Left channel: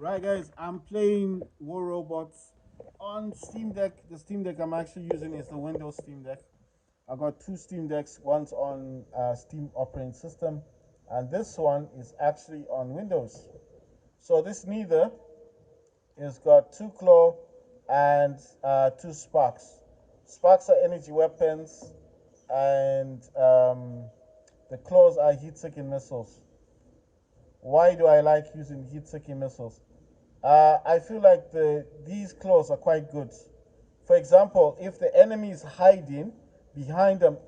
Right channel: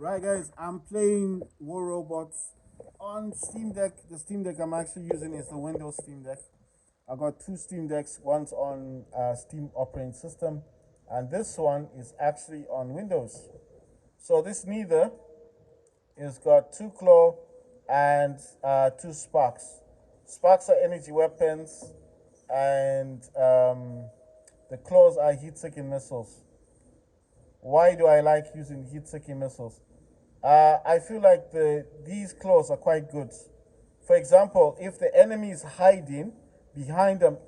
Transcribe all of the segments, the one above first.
Right, guys, I'm playing War Robots on Steam Deck. The Steam Deck I'm actually using is the Windows Steam Deck. I got two Steam Decks. One's on Steam operating system, and this one is actually on Windows. So this neither is got two claw and two sparks. Sparks are energy weapons, and the claws are heat-seeking missiles. Why do I like using heat-seeking missiles? I feel like these claws are quite good. For example, if the enemy is hiding behind them,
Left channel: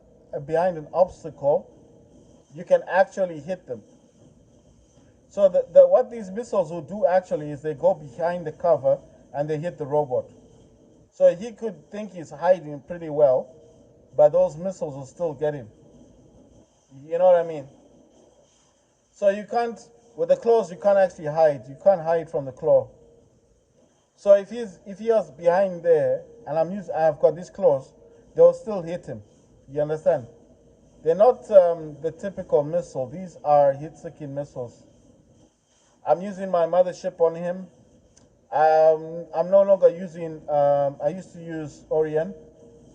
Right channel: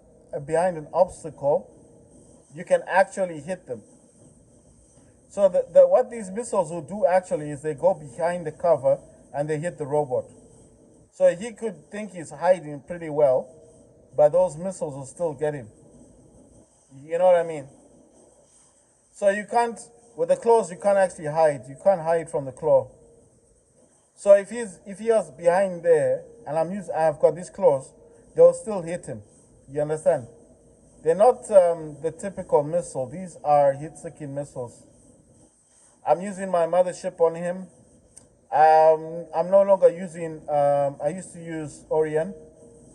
behind an obstacle, you can actually hit them. So what these missiles will do actually is they go behind the cover and they hit the robot. So he could think he's hiding pretty well, but those missiles will still get him. You know what I mean? So you can't with the claws you can't actually hide. You can't hide from the claw. So if he was behind there and I've got these claws, they'll still hit him. You understand? They're not the typical missile. These are hit-seeking missiles. I'm using my mothership on him. I'm no longer using. I used to use Orion.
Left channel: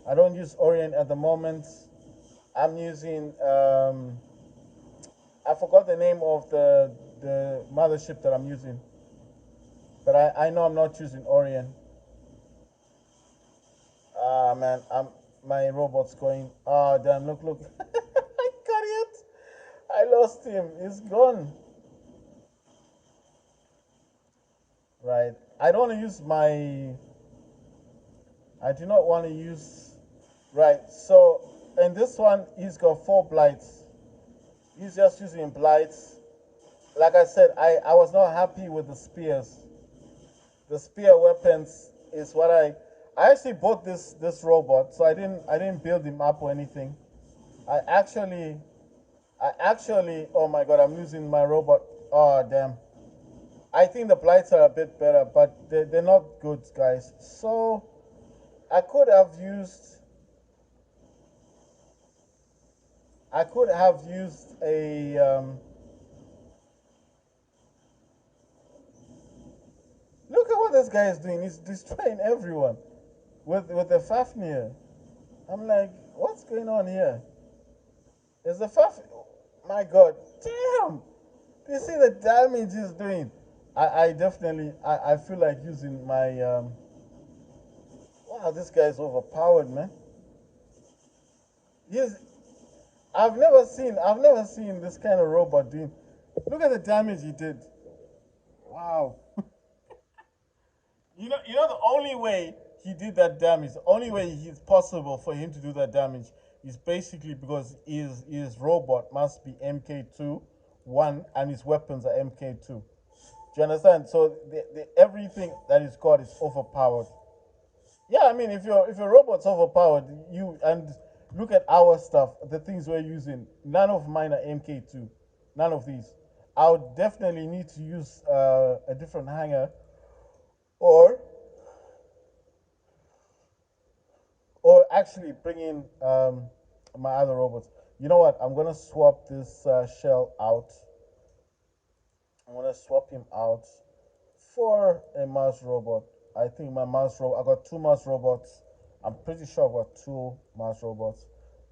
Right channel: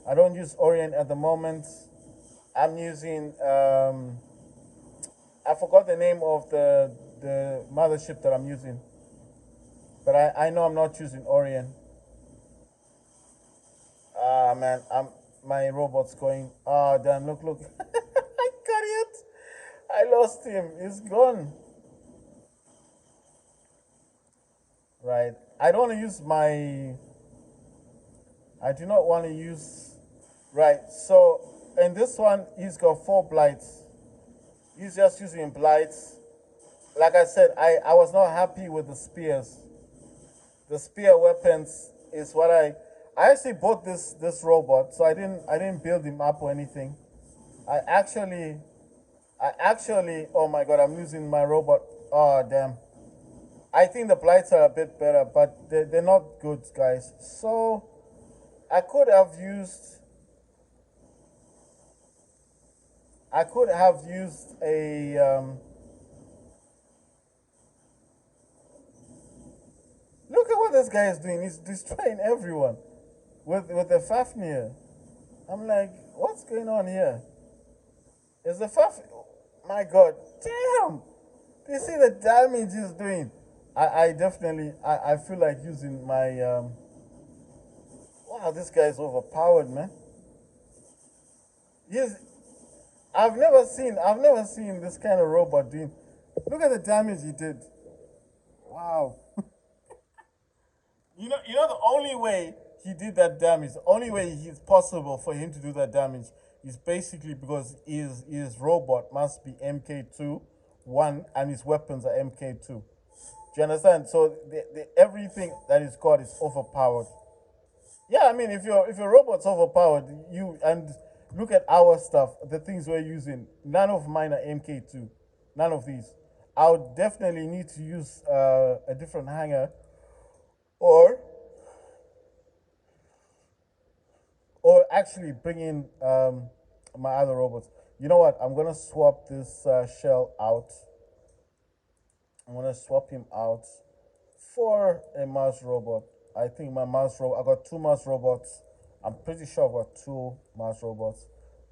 I don't use Orion at the moment. I'm using. I forgot the name of the mothership that I'm using, but I know I'm not using Orion. Ah man, my robot's going. Oh damn! Look! I got it. I lost him. He's gone. Right. I don't want to use my. I do not want to use. Right. So in this one, he's got four blights. He's just using blights. Like I said, I was not happy with the spears. The spear weapons is what I actually bought this robot, so I didn't build him up or anything. I actually I actually oh my god, I'm losing my robot. Oh damn. I think the blights are a bit better, but they're not good, guys. So I could have used I could have used a look at what this guy is doing. He's destroying everyone with the Fafnir. I'm like, what's going on here? Is the Faf? My God, damn! Do you see the damage he's doing? I definitely I feel like using my wow, this guy's overpowered, man. He's I've never seen this kind of robot doing. Look at the damage he did. Wow. You know the only way he did that damage, the only way it's possible for him to do that damage is basically because his robot must be MK2 one and his weapons are MK2. Do you understand? So everything that he's got is overpowered. Yeah, I mean, if your robot's overpowered, you and look at our stuff, the things we're using. None of mine are MK2. None of these. I would definitely need to use a different hanger, or actually bring in my other robots. You know what? I'm gonna swap this shell out. I'm gonna swap him out for a mouse robot. I think my mouse robot. I got two mouse robots. I'm pretty sure I got two mouse robots.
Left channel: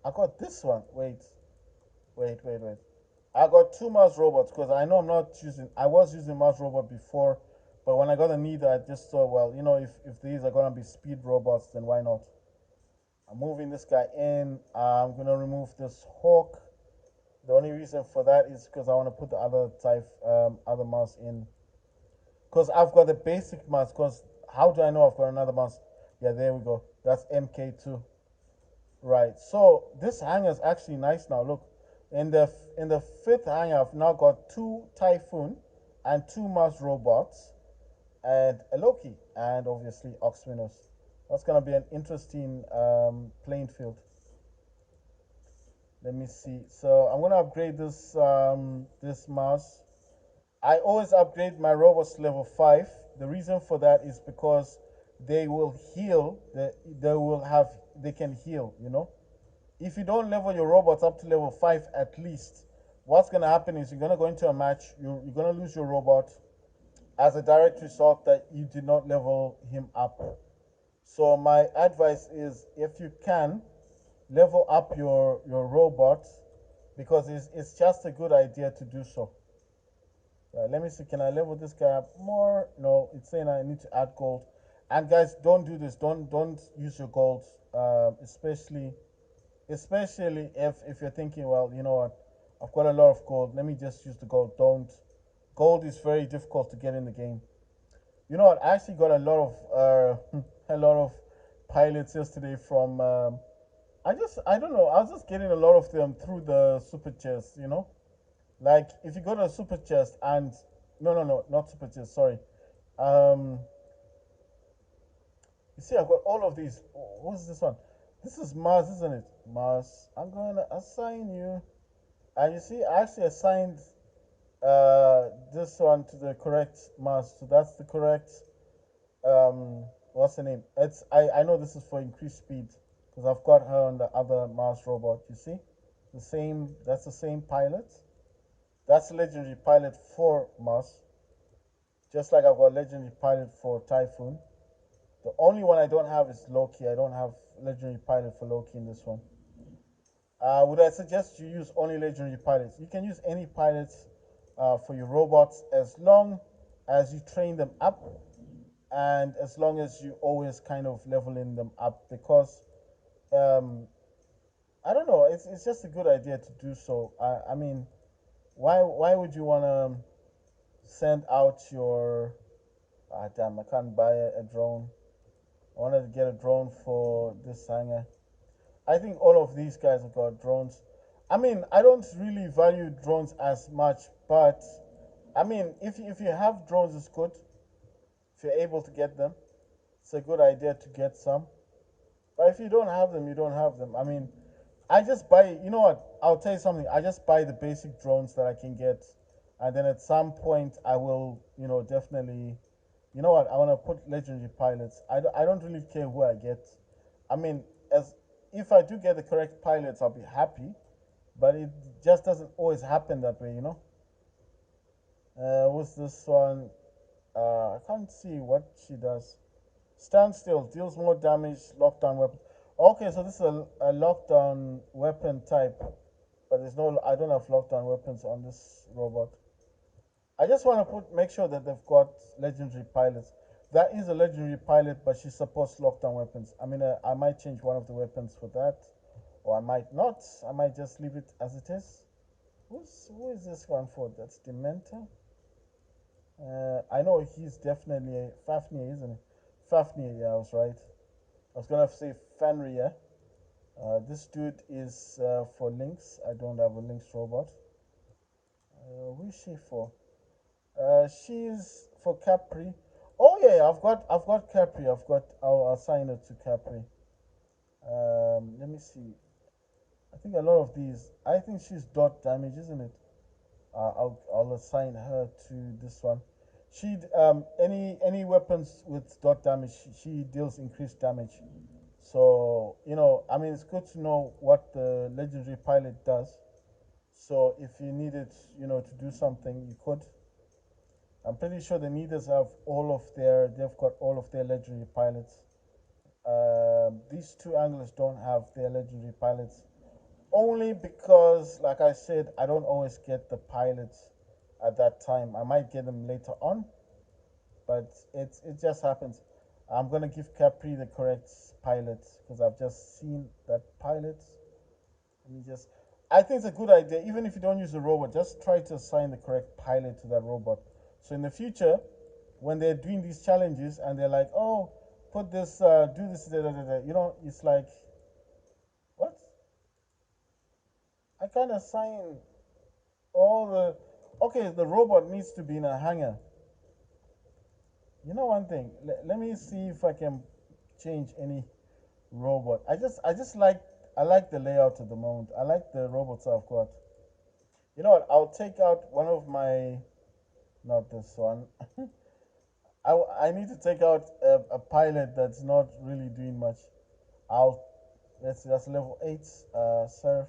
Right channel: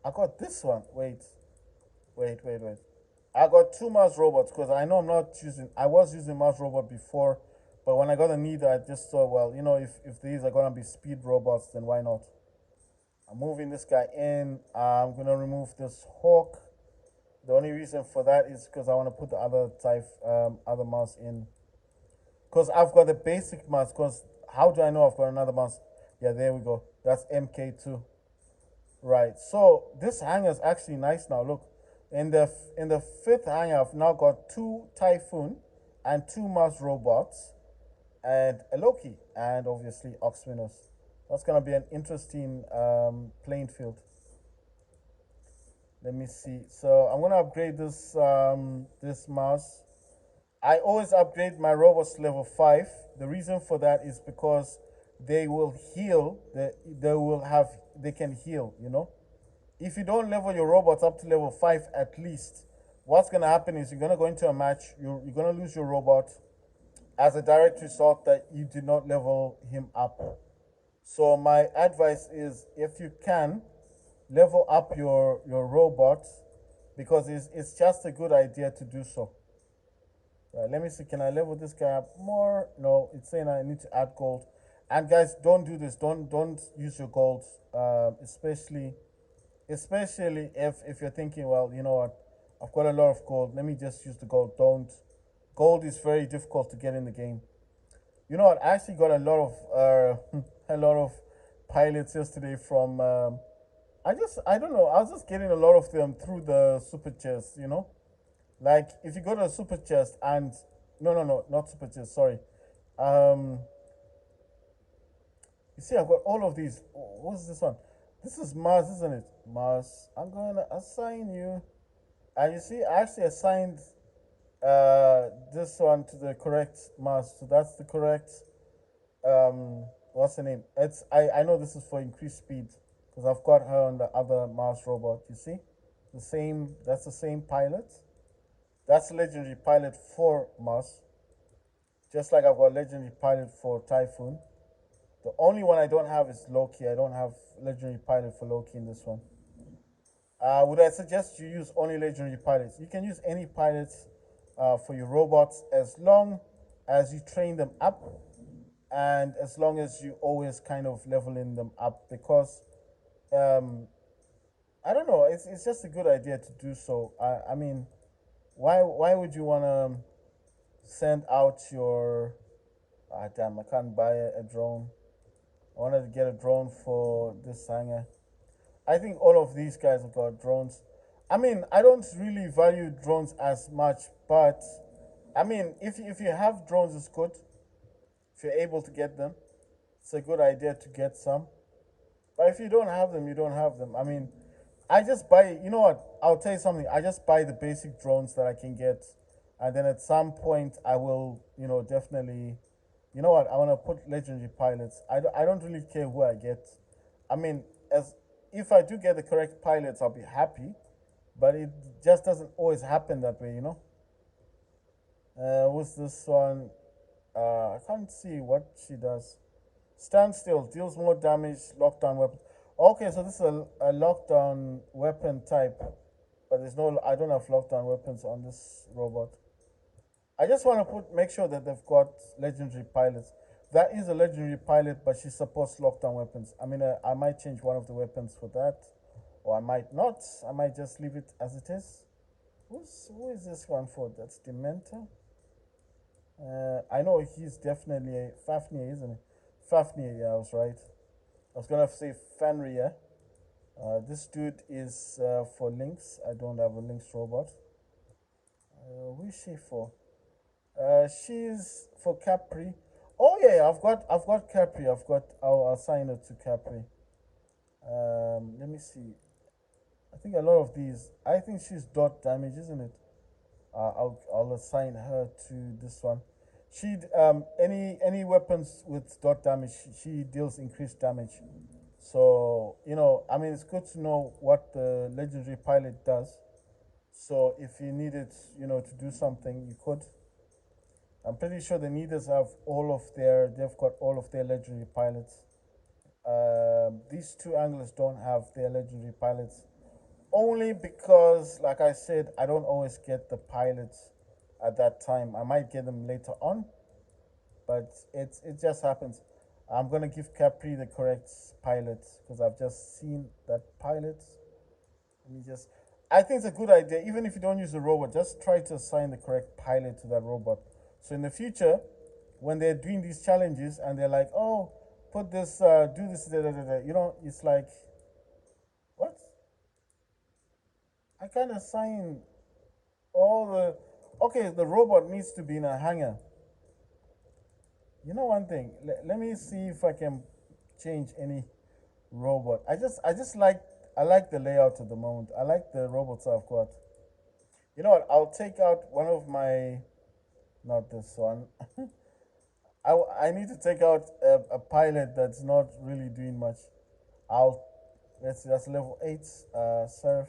I got this one. Wait. I got two mouse robots because I know I'm not using. I was using mouse robot before, but when I got a need, I just thought, well, if these are gonna be speed robots, then why not? I'm moving this guy in. I'm gonna remove this hawk. The only reason for that is because I want to put the other type, other mouse in. Because I've got the basic mouse. Because how do I know I've got another mouse? Yeah, there we go. That's MK2. Right. So this hanger is actually nice now. Look, in the fifth hanger, I've now got two Typhoon and two mouse robots and a Loki and obviously Oxminus. That's gonna be an interesting playing field. Let me see. So I'm gonna upgrade this mouse. I always upgrade my robots to level 5. The reason for that is because they will heal. They can heal. If you don't level your robots up to level 5 at least, what's gonna happen is you're gonna go into a match. You're gonna lose your robot, as a direct result that you did not level him up. So my advice is, if you can, level up your robot, because it's just a good idea to do so. Let me see. Can I level this guy up more? No, it's saying I need to add gold. And guys, don't do this. Don't use your gold, especially if you're thinking, well, you know what, I've got a lot of gold. Let me just use the gold. Don't. Gold is very difficult to get in the game. You know what? I actually got a lot of a lot of pilots yesterday from. I don't know. I was just getting a lot of them through the super chest. You know, like if you go to a super chest and no, not super chest. Sorry. Um, you see, I've got all of these. What's this one? This is Mars, isn't it? Mars. I'm gonna assign you. And you see, I actually assigned this one to the correct Mars. So that's the correct what's the name? I know this is for increased speed because I've got her on the other Mars robot. You see, the same. That's the same pilot. That's legendary pilot for Mars. Just like I've got legendary pilot for Typhoon. The only one I don't have is Loki. I don't have legendary pilot for Loki in this one. Would I suggest you use only legendary pilots? You can use any pilots for your robots as long as you train them up and as long as you always kind of leveling them up, because um, I don't know, it's just a good idea to do so. I mean, why would you want to send out your damn, I can't buy a drone. I wanted to get a drone for this hangar. I think all of these guys have got drones. I mean, I don't really value drones as much, but I mean, if you have drones, it's good. If you're able to get them, it's a good idea to get some. But if you don't have them, you don't have them. I mean, I just buy. You know what? I'll tell you something. I just buy the basic drones that I can get, and then at some point I will, definitely. You know what? I want to put legendary pilots. I don't really care who I get. I mean, as if I do get the correct pilots, I'll be happy. But it just doesn't always happen that way, you know. What's this one? I can't see what she does. Stand still, deals more damage, lockdown weapon. Okay, so this is a lockdown weapon type, but there's no. I don't have lockdown weapons on this robot. I just want to make sure that they've got legendary pilots. That is a legendary pilot, but she supports lockdown weapons. I mean, I might change one of the weapons for that, or I might not. I might just leave it as it is. Who is this one for? That's Dementor. I know he's definitely a Fafnir, isn't he? Fafnir, yeah, I was right. I was gonna say Fenrir. This dude is for Lynx. I don't have a Lynx robot. Who is she for? She's for Capri. Oh yeah, I've got Capri. I'll assign her to Capri. Let me see. I think a lot of these. I think she's dot damage, isn't it? I'll assign her to this one. She any weapons with dot damage, she deals increased damage. So I mean, it's good to know what the legendary pilot does. So if you needed, to do something, you could. I'm pretty sure the Needers have they've got all of their legendary pilots. These two anglers don't have their legendary pilots, only because, like I said, I don't always get the pilots at that time. I might get them later on, but it just happens. I'm gonna give Capri the correct pilot because I've just seen that pilot. Let me just. I think it's a good idea, even if you don't use a robot, just try to assign the correct pilot to that robot. So in the future, when they're doing these challenges and they're like, "Oh, put this, do this, da, da, da, da," it's like, what? I can't assign all the. Okay, the robot needs to be in a hangar. You know one thing. Let me see if I can change any robot. I like the layout at the moment. I like the robots I've got. You know what? I'll take out one of my, not this one. I need to take out a pilot that's not really doing much. I'll let's see. That's level 8. Surf.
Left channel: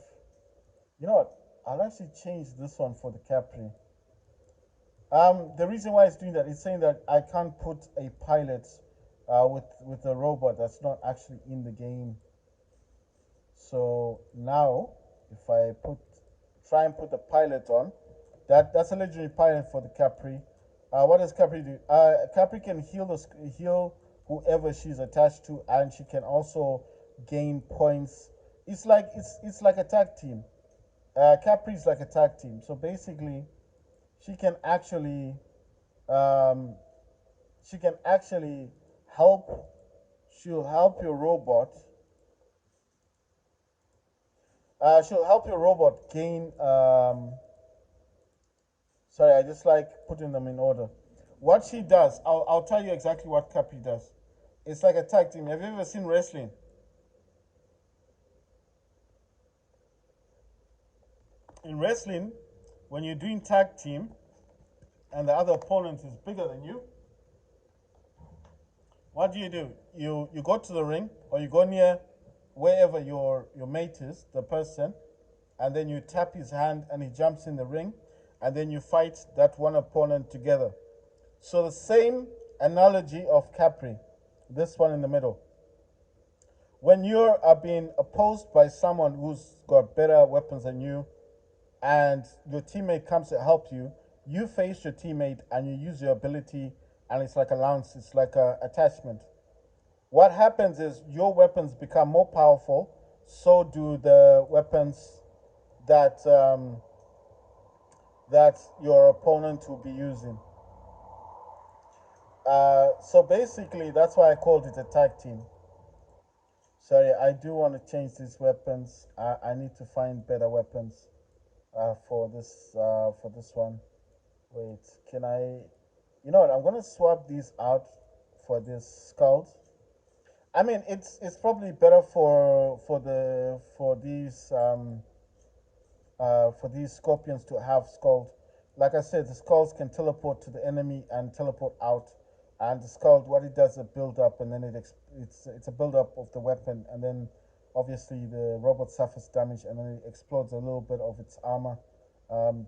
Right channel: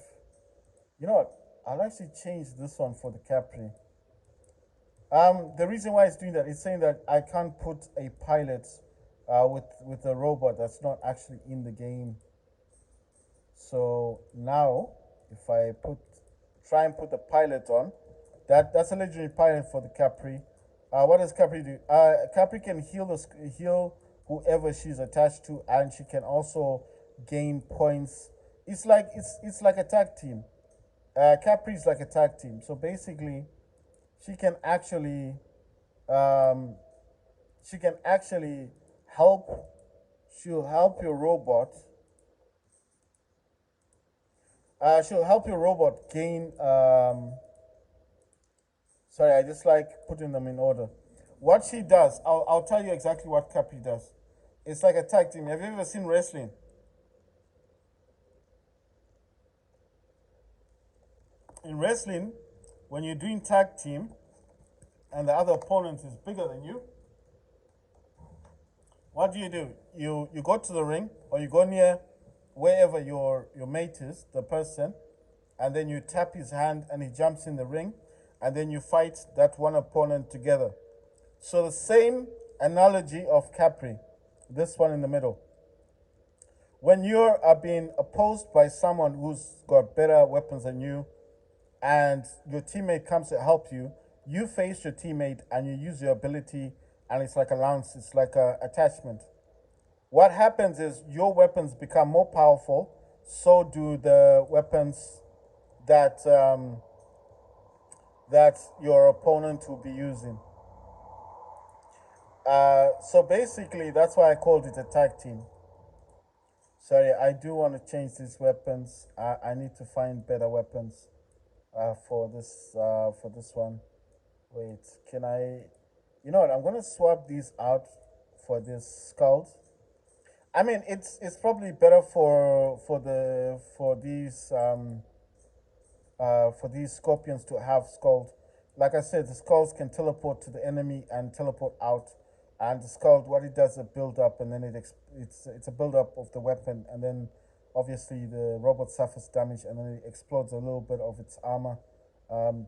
You know what? I'll actually change this one for the Capri. The reason why it's doing that is saying that I can't put a pilot with a robot that's not actually in the game. So now, if I try and put the pilot on, that's a legendary pilot for the Capri. What does Capri do? Capri can heal whoever she's attached to, and she can also gain points. It's like a tag team. Capri is like a tag team. So basically, she can actually um, she can actually help. She'll help your robot. She'll help your robot gain. Sorry, I just like putting them in order. What she does, I'll tell you exactly what Capri does. It's like a tag team. Have you ever seen wrestling? In wrestling, when you're doing tag team and the other opponent is bigger than you, what do? You go to the ring or you go near wherever your mate is, the person, and then you tap his hand and he jumps in the ring, and then you fight that one opponent together. So the same analogy of Capri, this one in the middle. When you're being opposed by someone who's got better weapons than you, and your teammate comes to help you, you face your teammate and you use your ability, and it's like a lance, it's like a attachment. What happens is your weapons become more powerful, so do the weapons that that your opponent will be using. So basically, that's why I called it a tag team. Sorry, I do want to change these weapons. I need to find better weapons for this one. Wait, can I? You know what? I'm gonna swap these out for this skulls. I mean, it's probably better for these scorpions to have skulls. Like I said, the skulls can teleport to the enemy and teleport out. And the skull, what it does is a build up, and then it's a build up of the weapon, and then obviously the robot suffers damage, and then it explodes a little bit of its armor.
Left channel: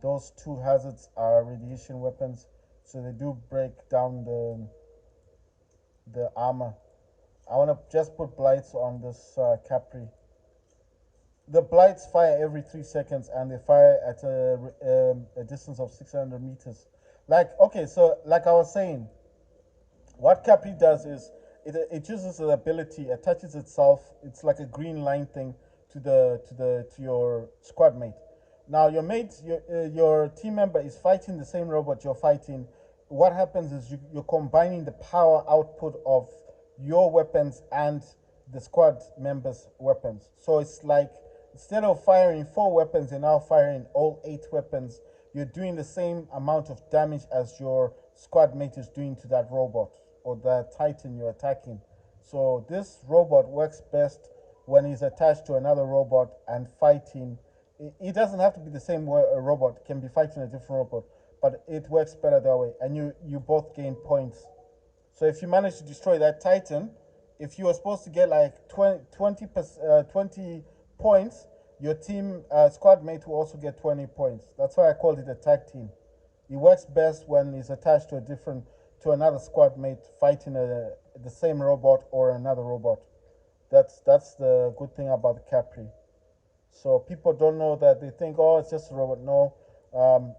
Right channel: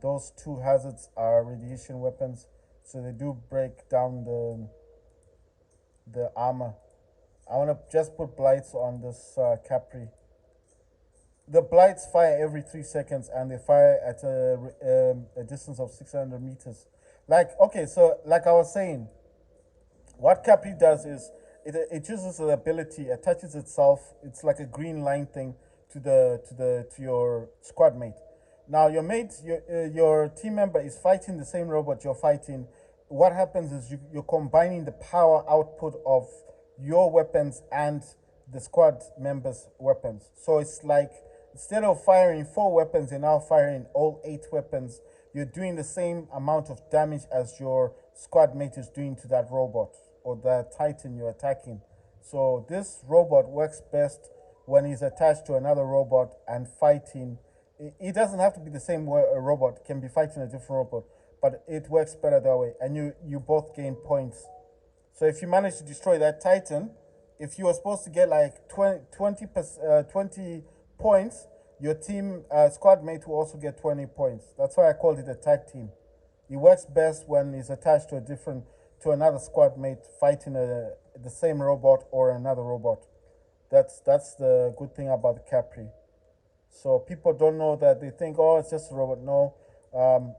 Those two hazards are radiation weapons, so they do break down the armor. I want to just put blights on this Capri. The blights fire every 3 seconds, and they fire at a distance of 600 meters. Like, okay, so like I was saying, what Capri does is it uses an ability, attaches itself. It's like a green line thing to your squad mate. Now your team member is fighting the same robot you're fighting. What happens is you're combining the power output of your weapons and the squad members' weapons. So it's like instead of firing four weapons, you're now firing all eight weapons. You're doing the same amount of damage as your squad mate is doing to that robot or the titan you're attacking. So this robot works best when he's attached to another robot and fighting. It doesn't have to be the same way a robot can be fighting a different robot, but it works better that way, and you both gain points. So if you manage to destroy that Titan, if you were supposed to get like 20 points, your team squad mate will also get 20 points. That's why I called it a tag team. It works best when it's attached to another squad mate fighting the same robot or another robot. That's the good thing about the Capri. So people don't know that, they think, oh, it's just a robot. No,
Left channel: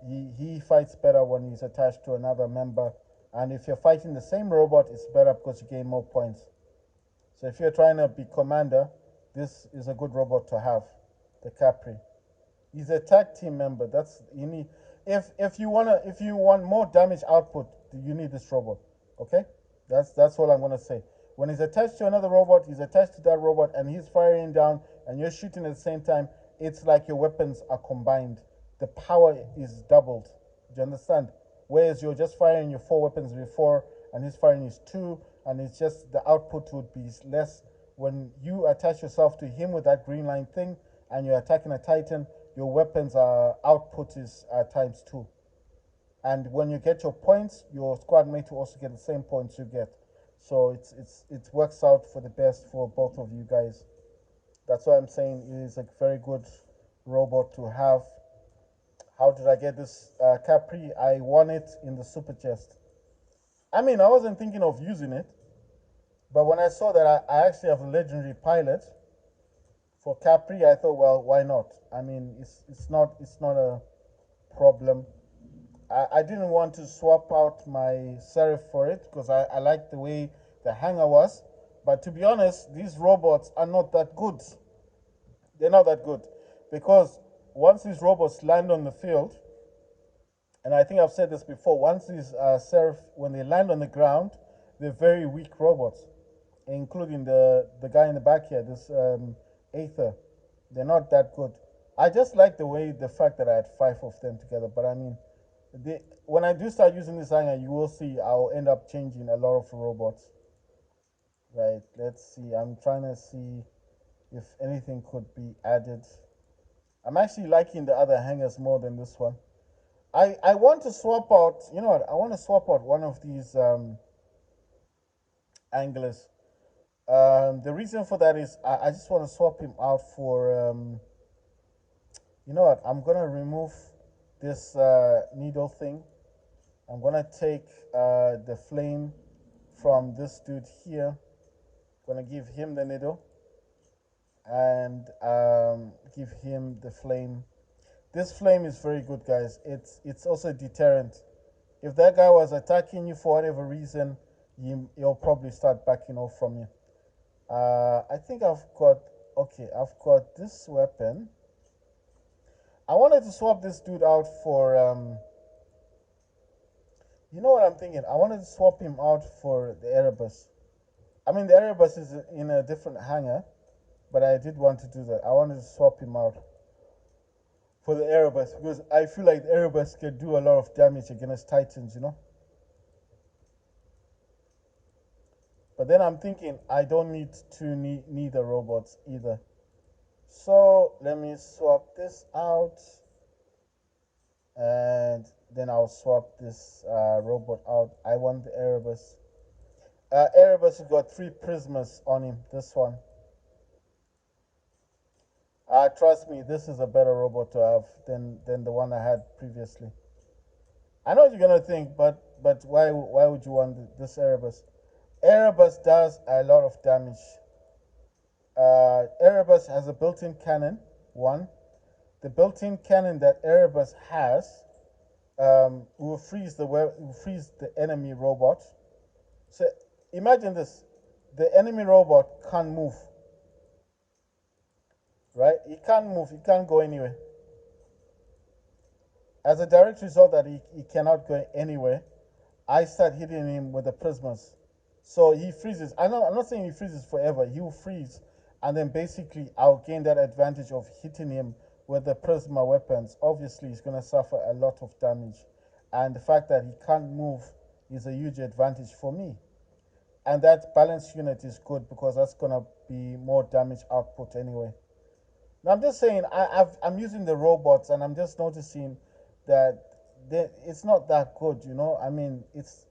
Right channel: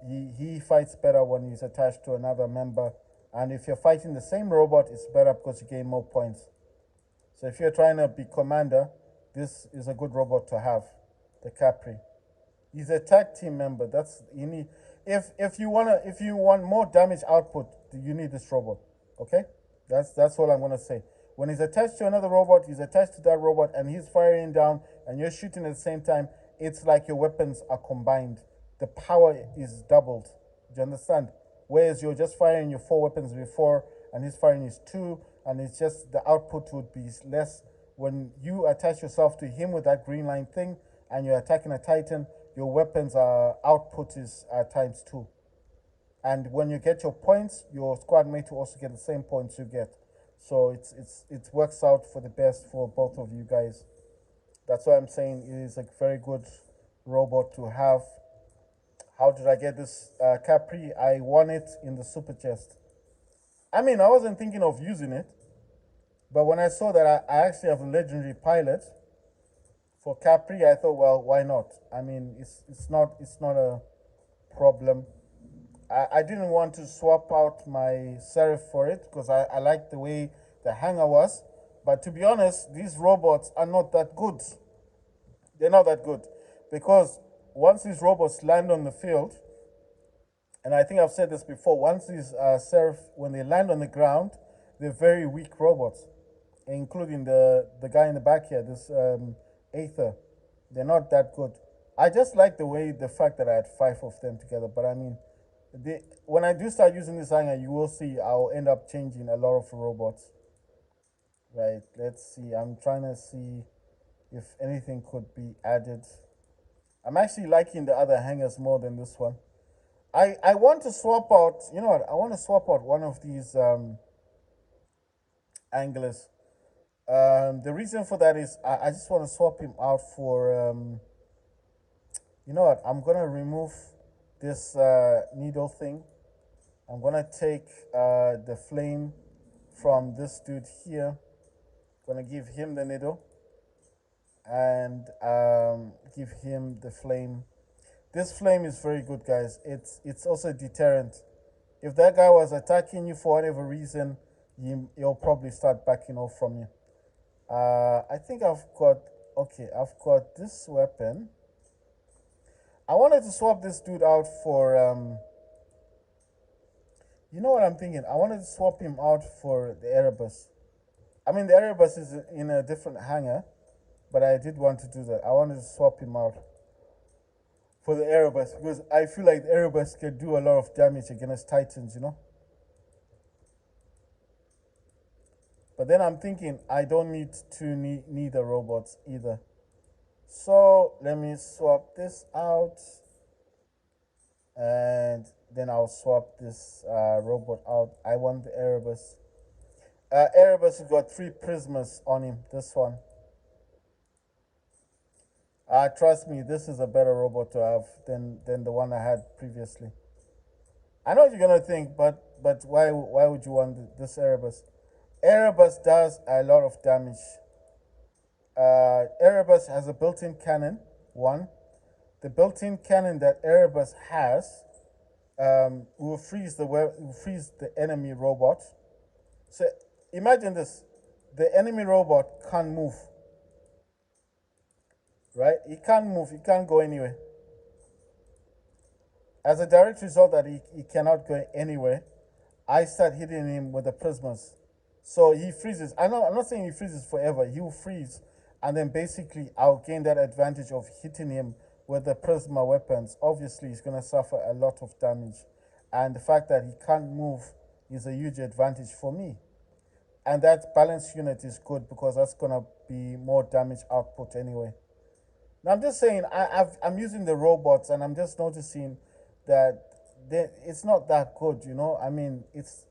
he fights better when he's attached to another member. And if you're fighting the same robot, it's better because you gain more points. So if you're trying to be commander, this is a good robot to have, the Capri. He's a tag team member. That's you need. If you want more damage output, you need this robot. Okay, that's all I'm gonna say. When he's attached to another robot, he's attached to that robot, and he's firing down, and you're shooting at the same time. It's like your weapons are combined. The power is doubled. Do you understand? Whereas you're just firing your four weapons before, and he's firing his two, and it's just the output would be less. When you attach yourself to him with that green line thing, and you're attacking a Titan, your weapons output is times two. And when you get your points, your squad mate will also get the same points you get. So it works out for the best for both of you guys. That's why I'm saying it is a very good robot to have. How did I get this Capri? I won it in the super chest. I mean, I wasn't thinking of using it, but when I saw that I actually have a legendary pilot for Capri, I thought, well, why not? I mean, it's not a problem. I didn't want to swap out my Seraph for it because I liked the way the hanger was. But to be honest, these robots are not that good. They're not that good because once these robots land on the field, and I think I've said this before, once these Seraph, when they land on the ground, they're very weak robots, including the guy in the back here, this Aether. They're not that good. I just like the way the fact that I had five of them together. But I mean, when I do start using this hanger, you will see I'll end up changing a lot of robots. Right? Let's see. I'm trying to see if anything could be added. I'm actually liking the other hangers more than this one. I want to swap out. You know what? I want to swap out one of these anglers. The reason for that is I just want to swap him out for you know what? I'm gonna remove this needle thing. I'm gonna take the flame from this dude here. Gonna give him the needle and give him the flame. This flame is very good, guys. It's also a deterrent. If that guy was attacking you for whatever reason, he'll probably start backing off from you. I think I've got okay. I've got this weapon. I wanted to swap this dude out for you know what I'm thinking? I wanted to swap him out for the Erebus. I mean, the Erebus is in a different hangar, but I did want to do that. I wanted to swap him out for the Erebus because I feel like the Erebus can do a lot of damage against Titans, you know? But then I'm thinking I don't need two neither robots either. So let me swap this out and then I'll swap this robot out. I want the Erebus. Erebus has got 3 prismas on him. This one. Trust me, this is a better robot to have than the one I had previously. I know what you're gonna think, but why would you want this Erebus? Erebus does a lot of damage. Erebus has a built-in cannon. One, the built-in cannon that Erebus has will freeze the enemy robot. So imagine this: the enemy robot can't move. Right? He can't move. He can't go anywhere. As a direct result that he cannot go anywhere, I start hitting him with the prismas. So he freezes. I'm not saying he freezes forever. He will freeze, and then basically I'll gain that advantage of hitting him with the prisma weapons. Obviously, he's gonna suffer a lot of damage, and the fact that he can't move is a huge advantage for me. And that balance unit is good because that's gonna be more damage output anyway. Now I'm just saying I'm using the robots and I'm just noticing that it's not that good. You know, I mean it's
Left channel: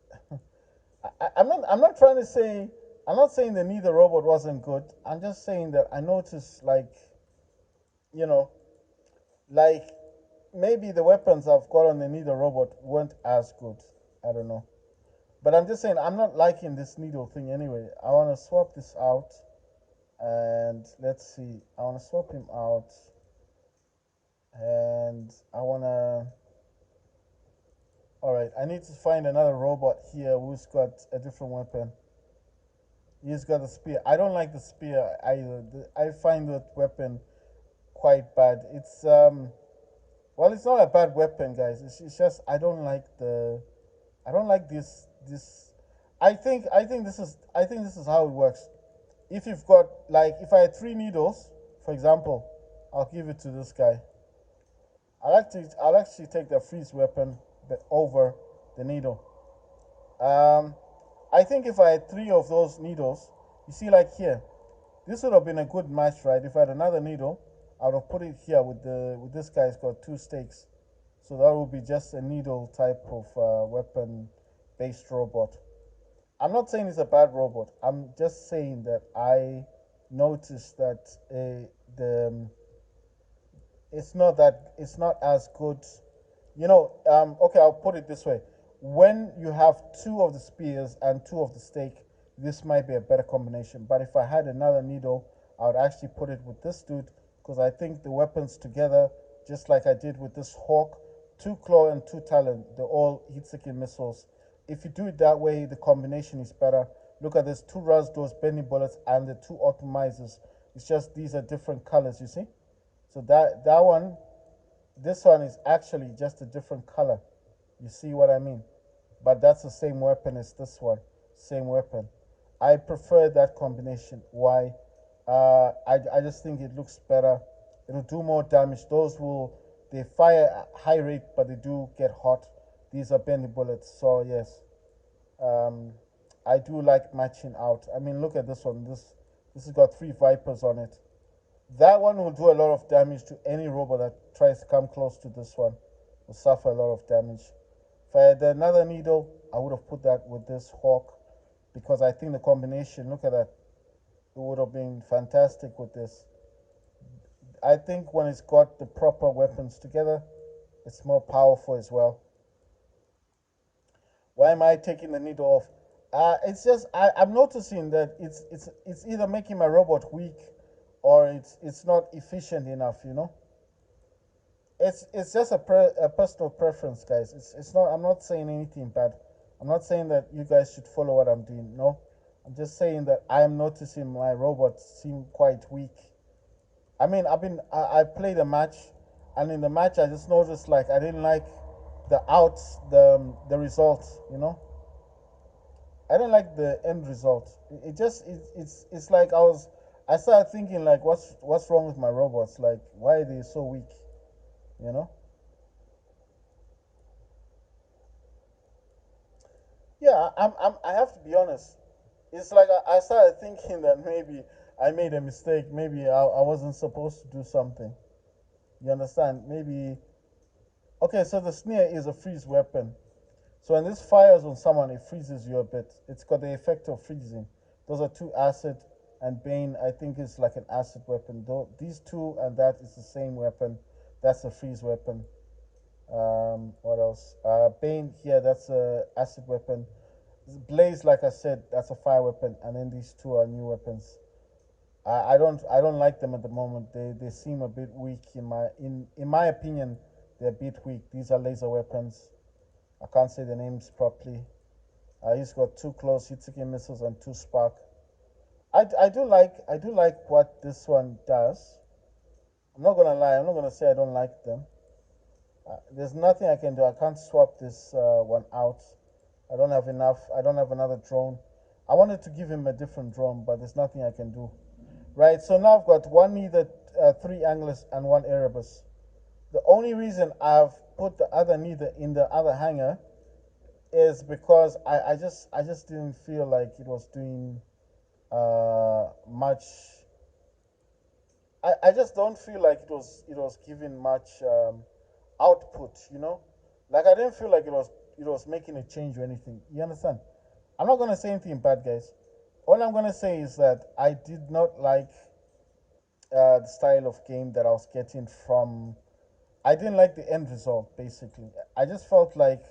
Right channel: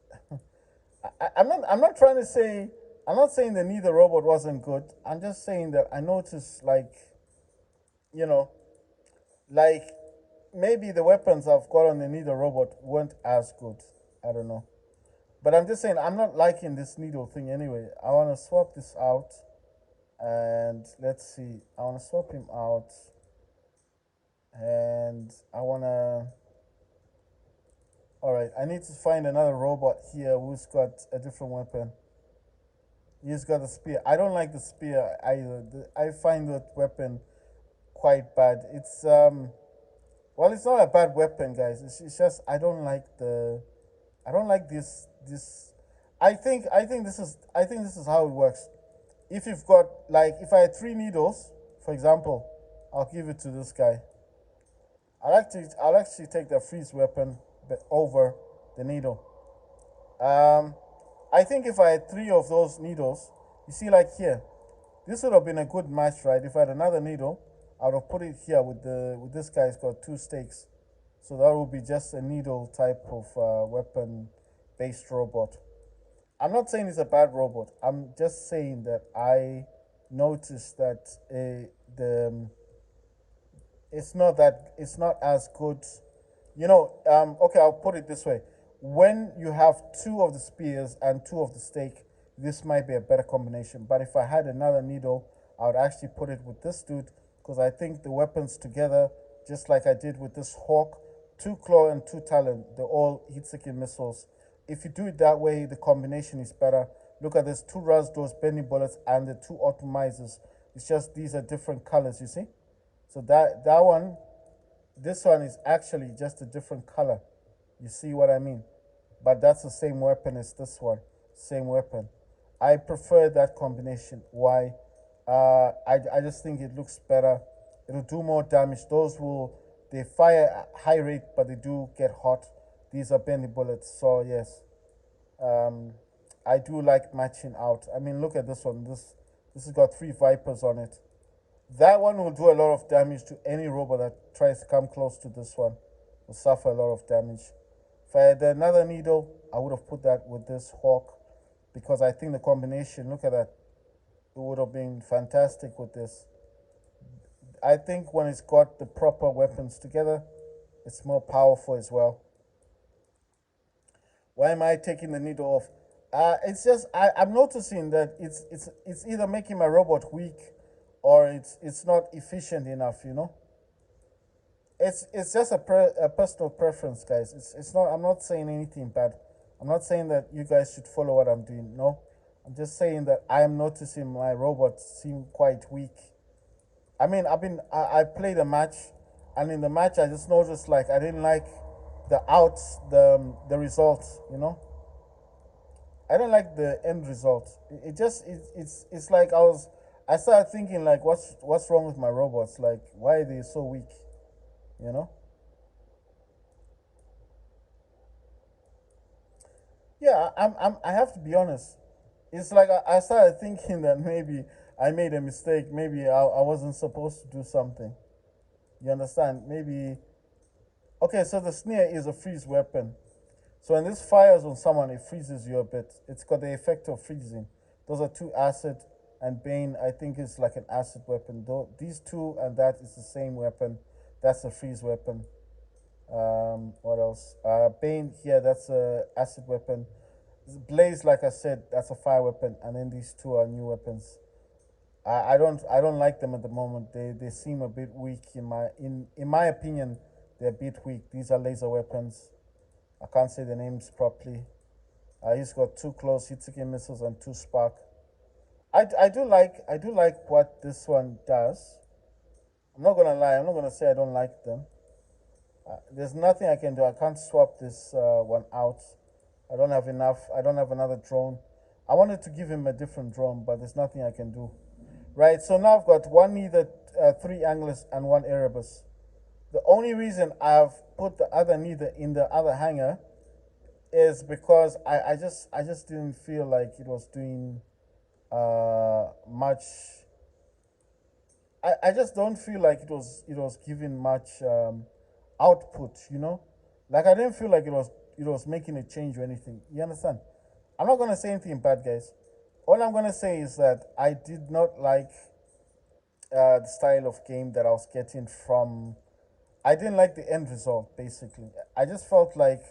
I'm not trying to say I'm not saying the neither robot wasn't good. I'm just saying that I noticed like you know like maybe the weapons I've got on the neither robot weren't as good. I don't know. But I'm just saying I'm not liking this needle thing anyway. I want to swap this out and let's see. I want to swap him out and I want to all right, I need to find another robot here who's got a different weapon. He's got a spear. I don't like the spear either. I find that weapon quite bad. It's well, it's not a bad weapon, guys. It's just I don't like this. I think this is how it works. If you've got like if I had 3 needles, for example, I'll give it to this guy. I'll actually take the freeze weapon over the needle. Um, I think if I had 3 of those needles, you see, like here, this would have been a good match, right? If I had another needle, I would have put it here with this guy's got 2 stakes, so that would be just a needle type of weapon based robot. I'm not saying it's a bad robot. I'm just saying that I noticed that the it's not as good Okay, I'll put it this way. When you have two of the spears and two of the stake, this might be a better combination. But if I had another needle, I would actually put it with this dude because I think the weapons together, just like I did with this hawk, two claw and two talon, they're all heat-seeking missiles. If you do it that way, the combination is better. Look at this: two Rasdors, bending bullets, and the two optimizers. It's just these are different colors, you see. So that one, this one is actually just a different color. You see what I mean? But that's the same weapon as this one. Same weapon. I prefer that combination. Why? I just think it looks better. It'll do more damage. Those will, they fire at high rate, but they do get hot. These are bendy bullets. So yes, um, I do like matching out. I mean, look at this one. This has got three vipers on it. That one will do a lot of damage to any robot that tries to come close to this one. Will suffer a lot of damage. If I had another needle, I would have put that with this hawk because I think the combination, look at that, it would have been fantastic with this. I think when it's got the proper weapons together, it's more powerful as well. Why am I taking the needle off? It's just I'm noticing that it's either making my robot weak or it's not efficient enough. It's just a personal preference, guys. It's not. I'm not saying anything bad. I'm not saying that you guys should follow what I'm doing. No, I'm just saying that I'm noticing my robots seem quite weak. I mean, I played a match, and in the match I just noticed like I didn't like the results. I don't like the end result. It just it's like I started thinking like what's wrong with my robots? Like why are they so weak? You know? Yeah, I have to be honest. It's like I started thinking that maybe I made a mistake. Maybe I wasn't supposed to do something. You understand? Maybe okay. So the snare is a freeze weapon. So when this fires on someone, it freezes you a bit. It's got the effect of freezing. Those are two acid, and Bane, I think, is like an acid weapon. Though these two and that is the same weapon. That's a freeze weapon. What else? Bane here, that's a acid weapon. Blaze, like I said, that's a fire weapon, and then these two are new weapons. I don't like them at the moment. They seem a bit weak in my opinion. They're a bit weak. These are laser weapons. I can't say the names properly. He's got two close hit-seeking missiles and two spark. I do like what this one does. I'm not gonna lie. I'm not gonna say I don't like them. There's nothing I can do. I can't swap this one out. I don't have enough. I don't have another drone. I wanted to give him a different drone, but there's nothing I can do. Right. So now I've got one neither, three anglers, and one Erebus. The only reason I've put the other neither in the other hangar is because I just didn't feel like it was doing much. I just don't feel like it was giving much output. Like I didn't feel like it was making a change or anything. You understand? I'm not gonna say anything bad, guys. All I'm gonna say is that I did not like the style of game that I was getting from. I didn't like the end result. Basically, I just felt like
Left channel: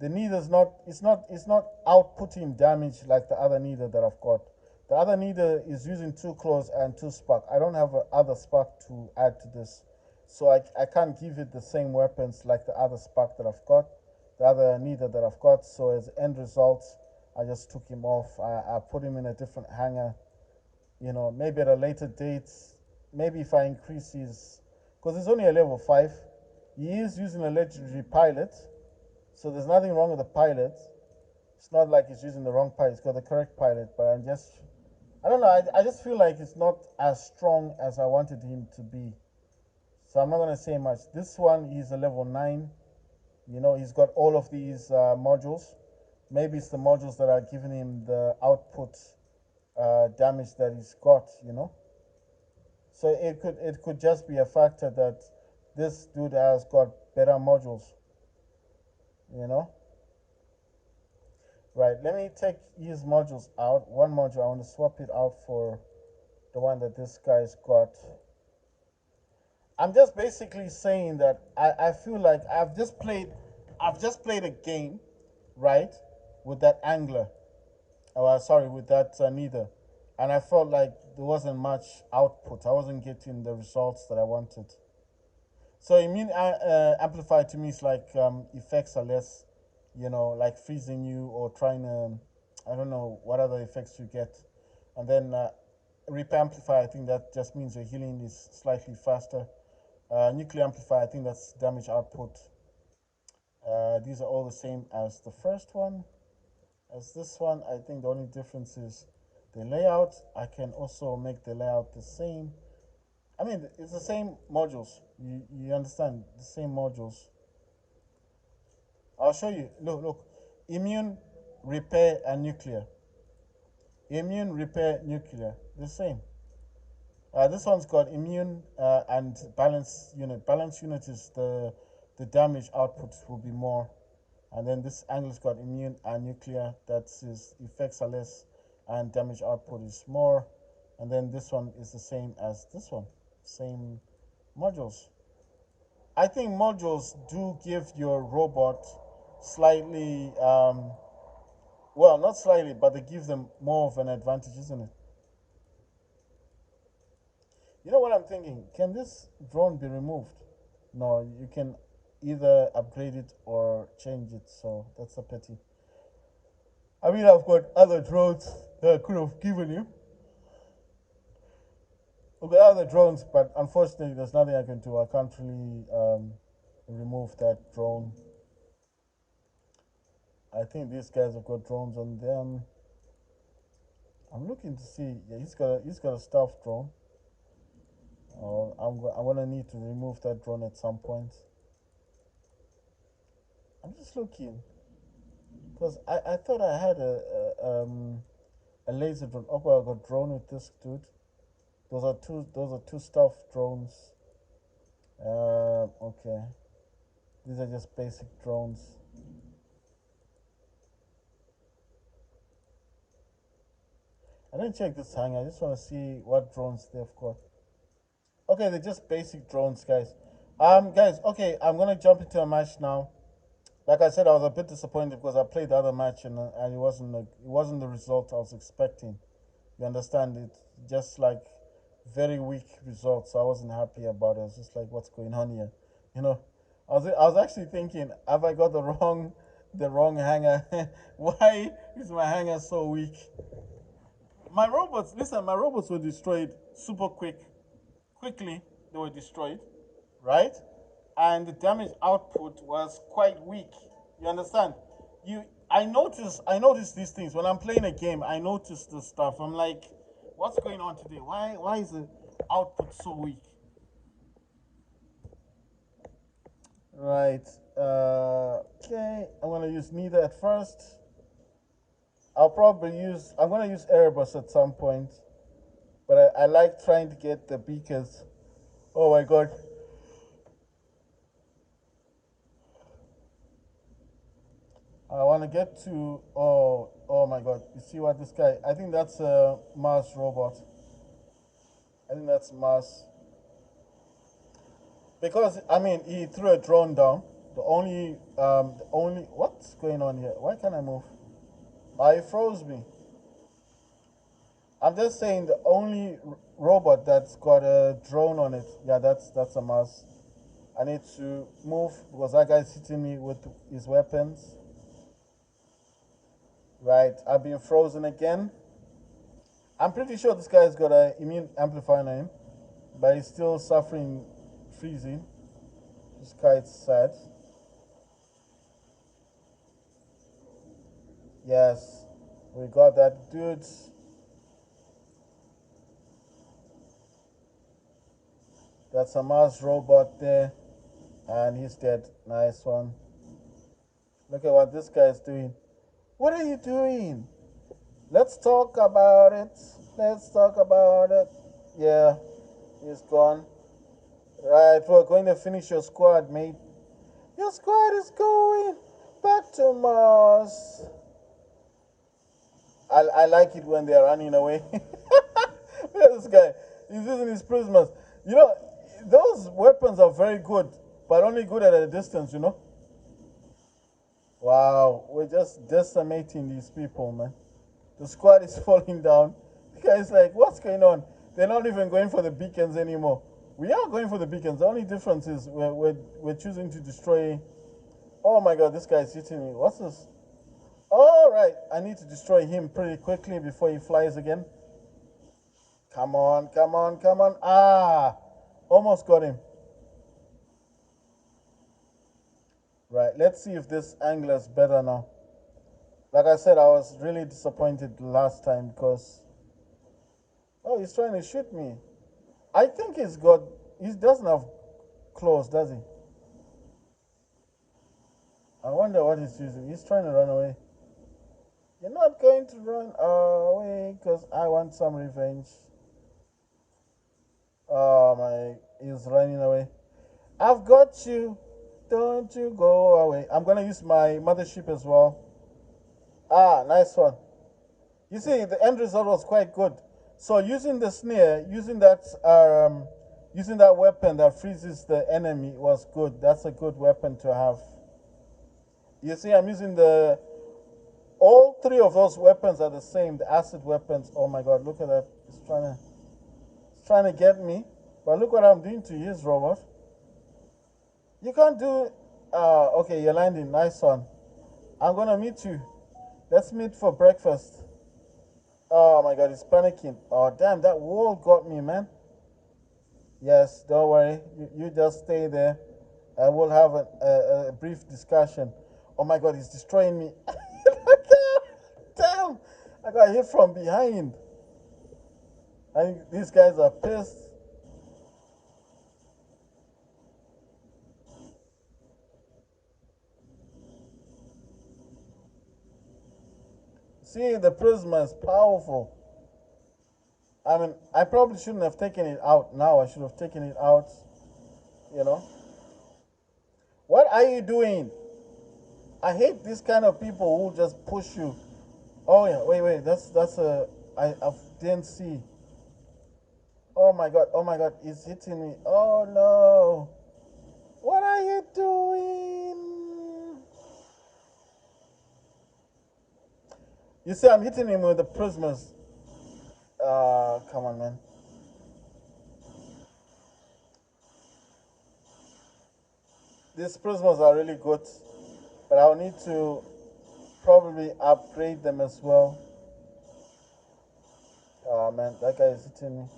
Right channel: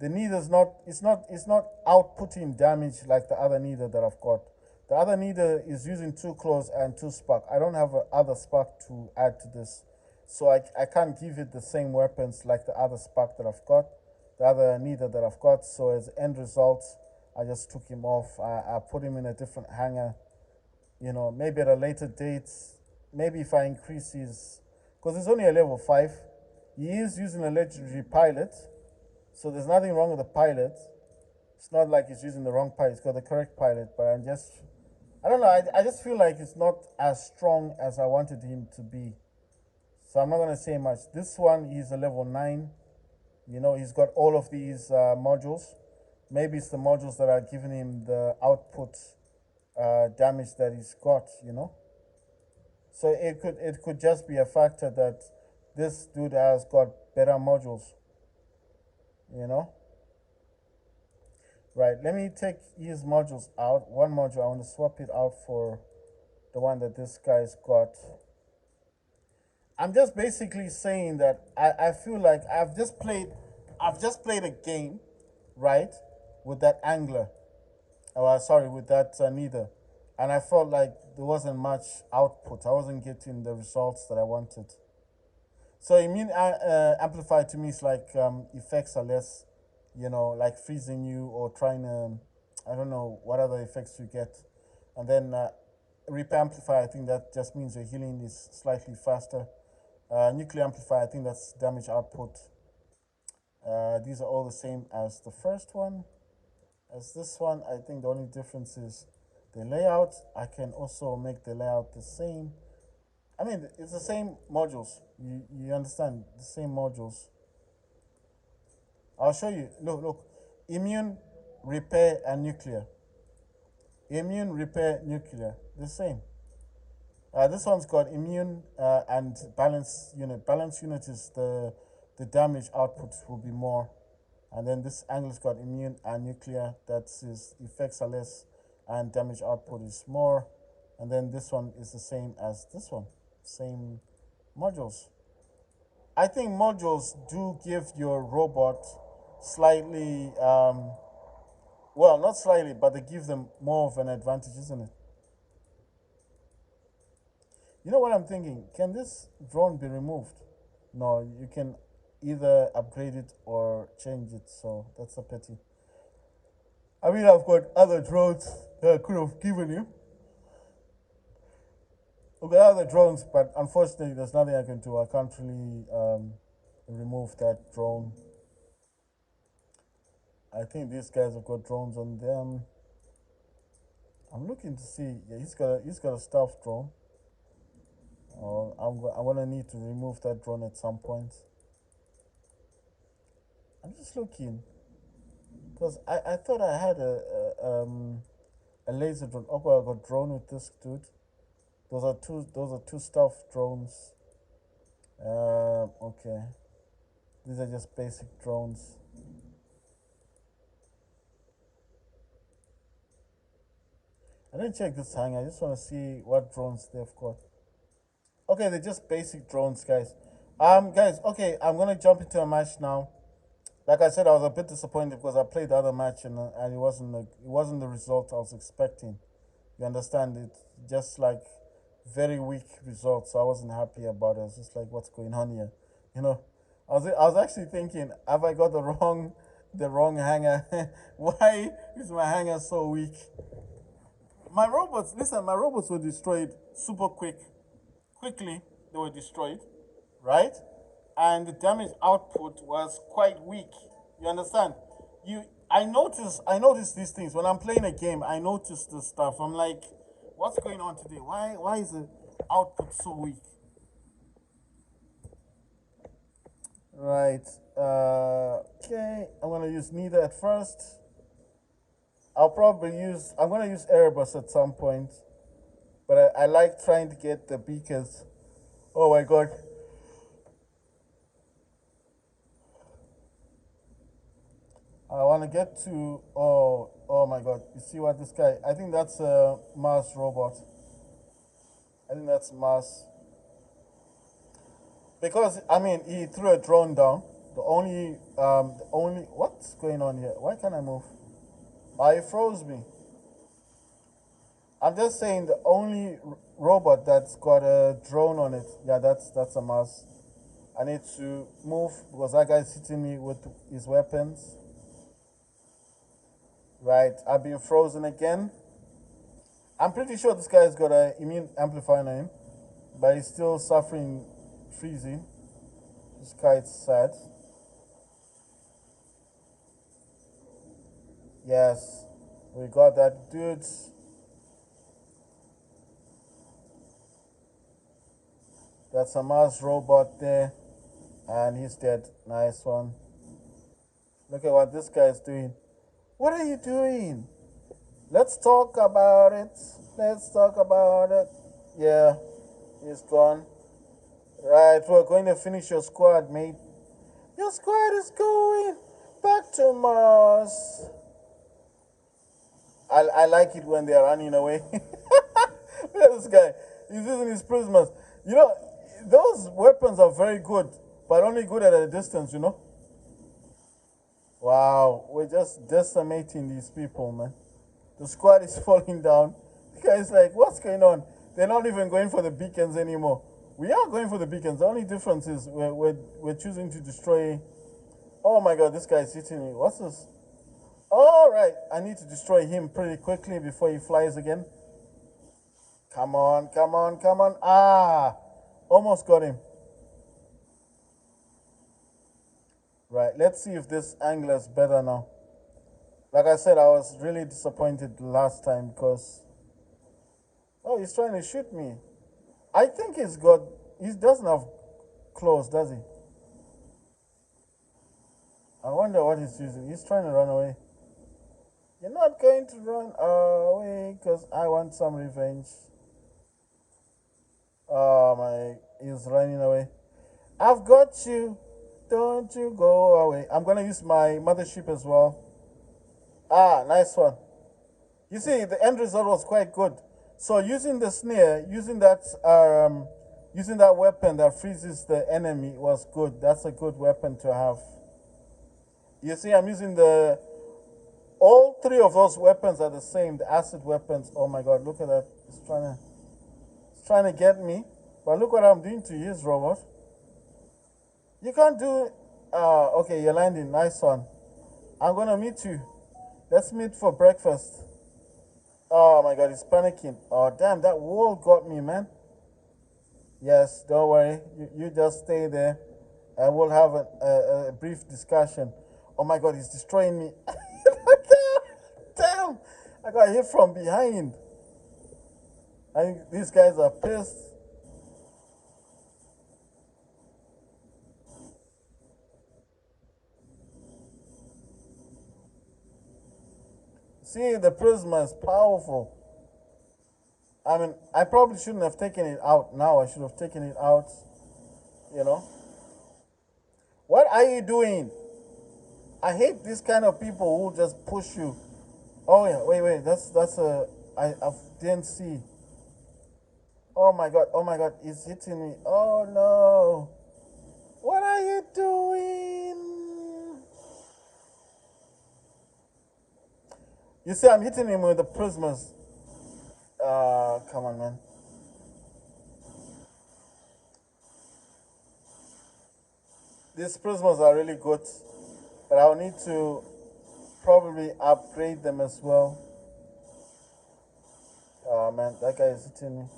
the neither's not. It's not outputting damage like the other neither that I've got. The other neither is using two claws and two spark. I don't have a other spark to add to this, so I can't give it the same weapons like the other spark that I've got, the other neither that I've got. So as end result, I just took him off. I put him in a different hangar. Maybe at a later date, maybe if I increase his, because it's only a level 5, he is using a legendary pilot, so there's nothing wrong with the pilot. It's not like he's using the wrong pilot, he's got the correct pilot, but I don't know, I just feel like it's not as strong as I wanted him to be. So I'm not going to say much. This one, he's a level 9. He's got all of these modules. Maybe it's the modules that are giving him the output damage that he's got. So it could just be a factor that this dude has got better modules, you know. Right, let me take his modules out. One module, I want to swap it out for the one that this guy's got. I'm just basically saying that I feel like I've just played a game, right, with that angler. Sorry, with that neither, and I felt like there wasn't much output. I wasn't getting the results that I wanted. So immune amplifier to me is like effects are less, like freezing you or trying to, I don't know what other effects you get, and then repair amplifier. I think that just means your healing is slightly faster. Nuclear amplifier. I think that's damage output. These are all the same as the first one. As this one, I think the only difference is the layout. I can also make the layout the same. I mean, it's the same modules. You understand the same modules. I'll show you. Look. Immune, repair, and nuclear. Immune, repair, nuclear. The same. This one's got immune and balance unit. Balance unit is the damage output will be more, and then this angle's got immune and nuclear. That's his effects are less, and damage output is more, and then this one is the same as this one. Same modules. I think modules do give your robot slightly, well, not slightly, but they give them more of an advantage, isn't it? You know what I'm thinking? Can this drone be removed? No, you can either upgrade it or change it, so that's a pity. I mean, I've got other drones that I could have given you. I've got other drones, but unfortunately, there's nothing I can do. I can't really remove that drone. I think these guys have got drones on them. I'm looking to see. Yeah, he's got a stealth drone. I'm gonna need to remove that drone at some point. I'm just looking because I thought I had a laser drone. Oh, well, I got drone with this dude. Those are two stealth drones. Okay. These are just basic drones. I didn't check this hangar. I just want to see what drones they've got. Okay, they're just basic drones, guys. Guys. Okay, I'm gonna jump into a match now. Like I said, I was a bit disappointed because I played the other match and it wasn't the result I was expecting. You understand it? Just like very weak results. So I wasn't happy about it. I was just like, what's going on here? You know, I was actually thinking, have I got the wrong hanger? Why is my hanger so weak? My robots were destroyed super quickly. They were destroyed, right? And the damage output was quite weak. You understand? I notice these things when I'm playing a game. I notice this stuff. I'm like, what's going on today? Why is the output so weak? Right. Okay. I'm gonna use neither at first. I'm gonna use Erebus at some point, but I like trying to get the beakers. Oh my god. I want to get to. Oh my god. You see what this guy. I think that's a Mars robot. I think that's Mars. Because, I mean, he threw a drone down. What's going on here? Why can't I move? He froze me. I'm just saying the only robot that's got a drone on it. Yeah, that's a Mars. I need to move because that guy's hitting me with his weapons. Right, I've been frozen again. I'm pretty sure this guy's got an immune amplifier on him, but he's still suffering freezing. This guy's sad. Yes, we got that dude. That's a Mars robot there, and he's dead. Nice one. Look at what this guy's doing. What are you doing? Let's talk about it. Let's talk about it. Yeah, he's gone. Right, we're going to finish your squad, mate. Your squad is going back to Mars. I like it when they're running away. Look at this guy. He's using his prismas. You know, those weapons are very good, but only good at a distance, you know. Wow, we're just decimating these people, man. The squad is falling down. The guy's like, what's going on? They're not even going for the beacons anymore. We are going for the beacons. The only difference is we're choosing to destroy. Oh my god, this guy's hitting me. What's this? All right, I need to destroy him pretty quickly before he flies again. Come on, come on, come on. Ah, almost got him. Right, let's see if this angler's better now. Like I said, I was really disappointed last time because... Oh, he's trying to shoot me. I think he's got... He doesn't have claws, does he? I wonder what he's using. He's trying to run away. You're not going to run away because I want some revenge. Oh my... He's running away. I've got you. Don't you go away. I'm going to use my mothership as well. Ah, nice one. You see, the end result was quite good. So using the snare, using that weapon that freezes the enemy was good. That's a good weapon to have. You see, I'm using all three of those weapons are the same, the acid weapons. Oh my god, look at that. It's trying to get me. But look what I'm doing to his robot. You can't do... okay, you're landing. Nice one. I'm going to meet you. Let's meet for breakfast. Oh my god, he's panicking. Oh, damn, that wall got me, man. Yes, don't worry. You just stay there and we'll have a brief discussion. Oh my god, he's destroying me. Damn, I got hit from behind. I think these guys are pissed. See, the prisma is powerful. I mean, I probably shouldn't have taken it out now. I should have taken it out, you know. What are you doing? I hate this kind of people who just push you. Oh yeah, wait. That's I didn't see. Oh my god, he's hitting me. Oh no. What are you doing? You see, I'm hitting him with the prismas. Come on, man. These prismas are really good, but I'll need to probably upgrade them as well. Oh man, that guy is hitting me.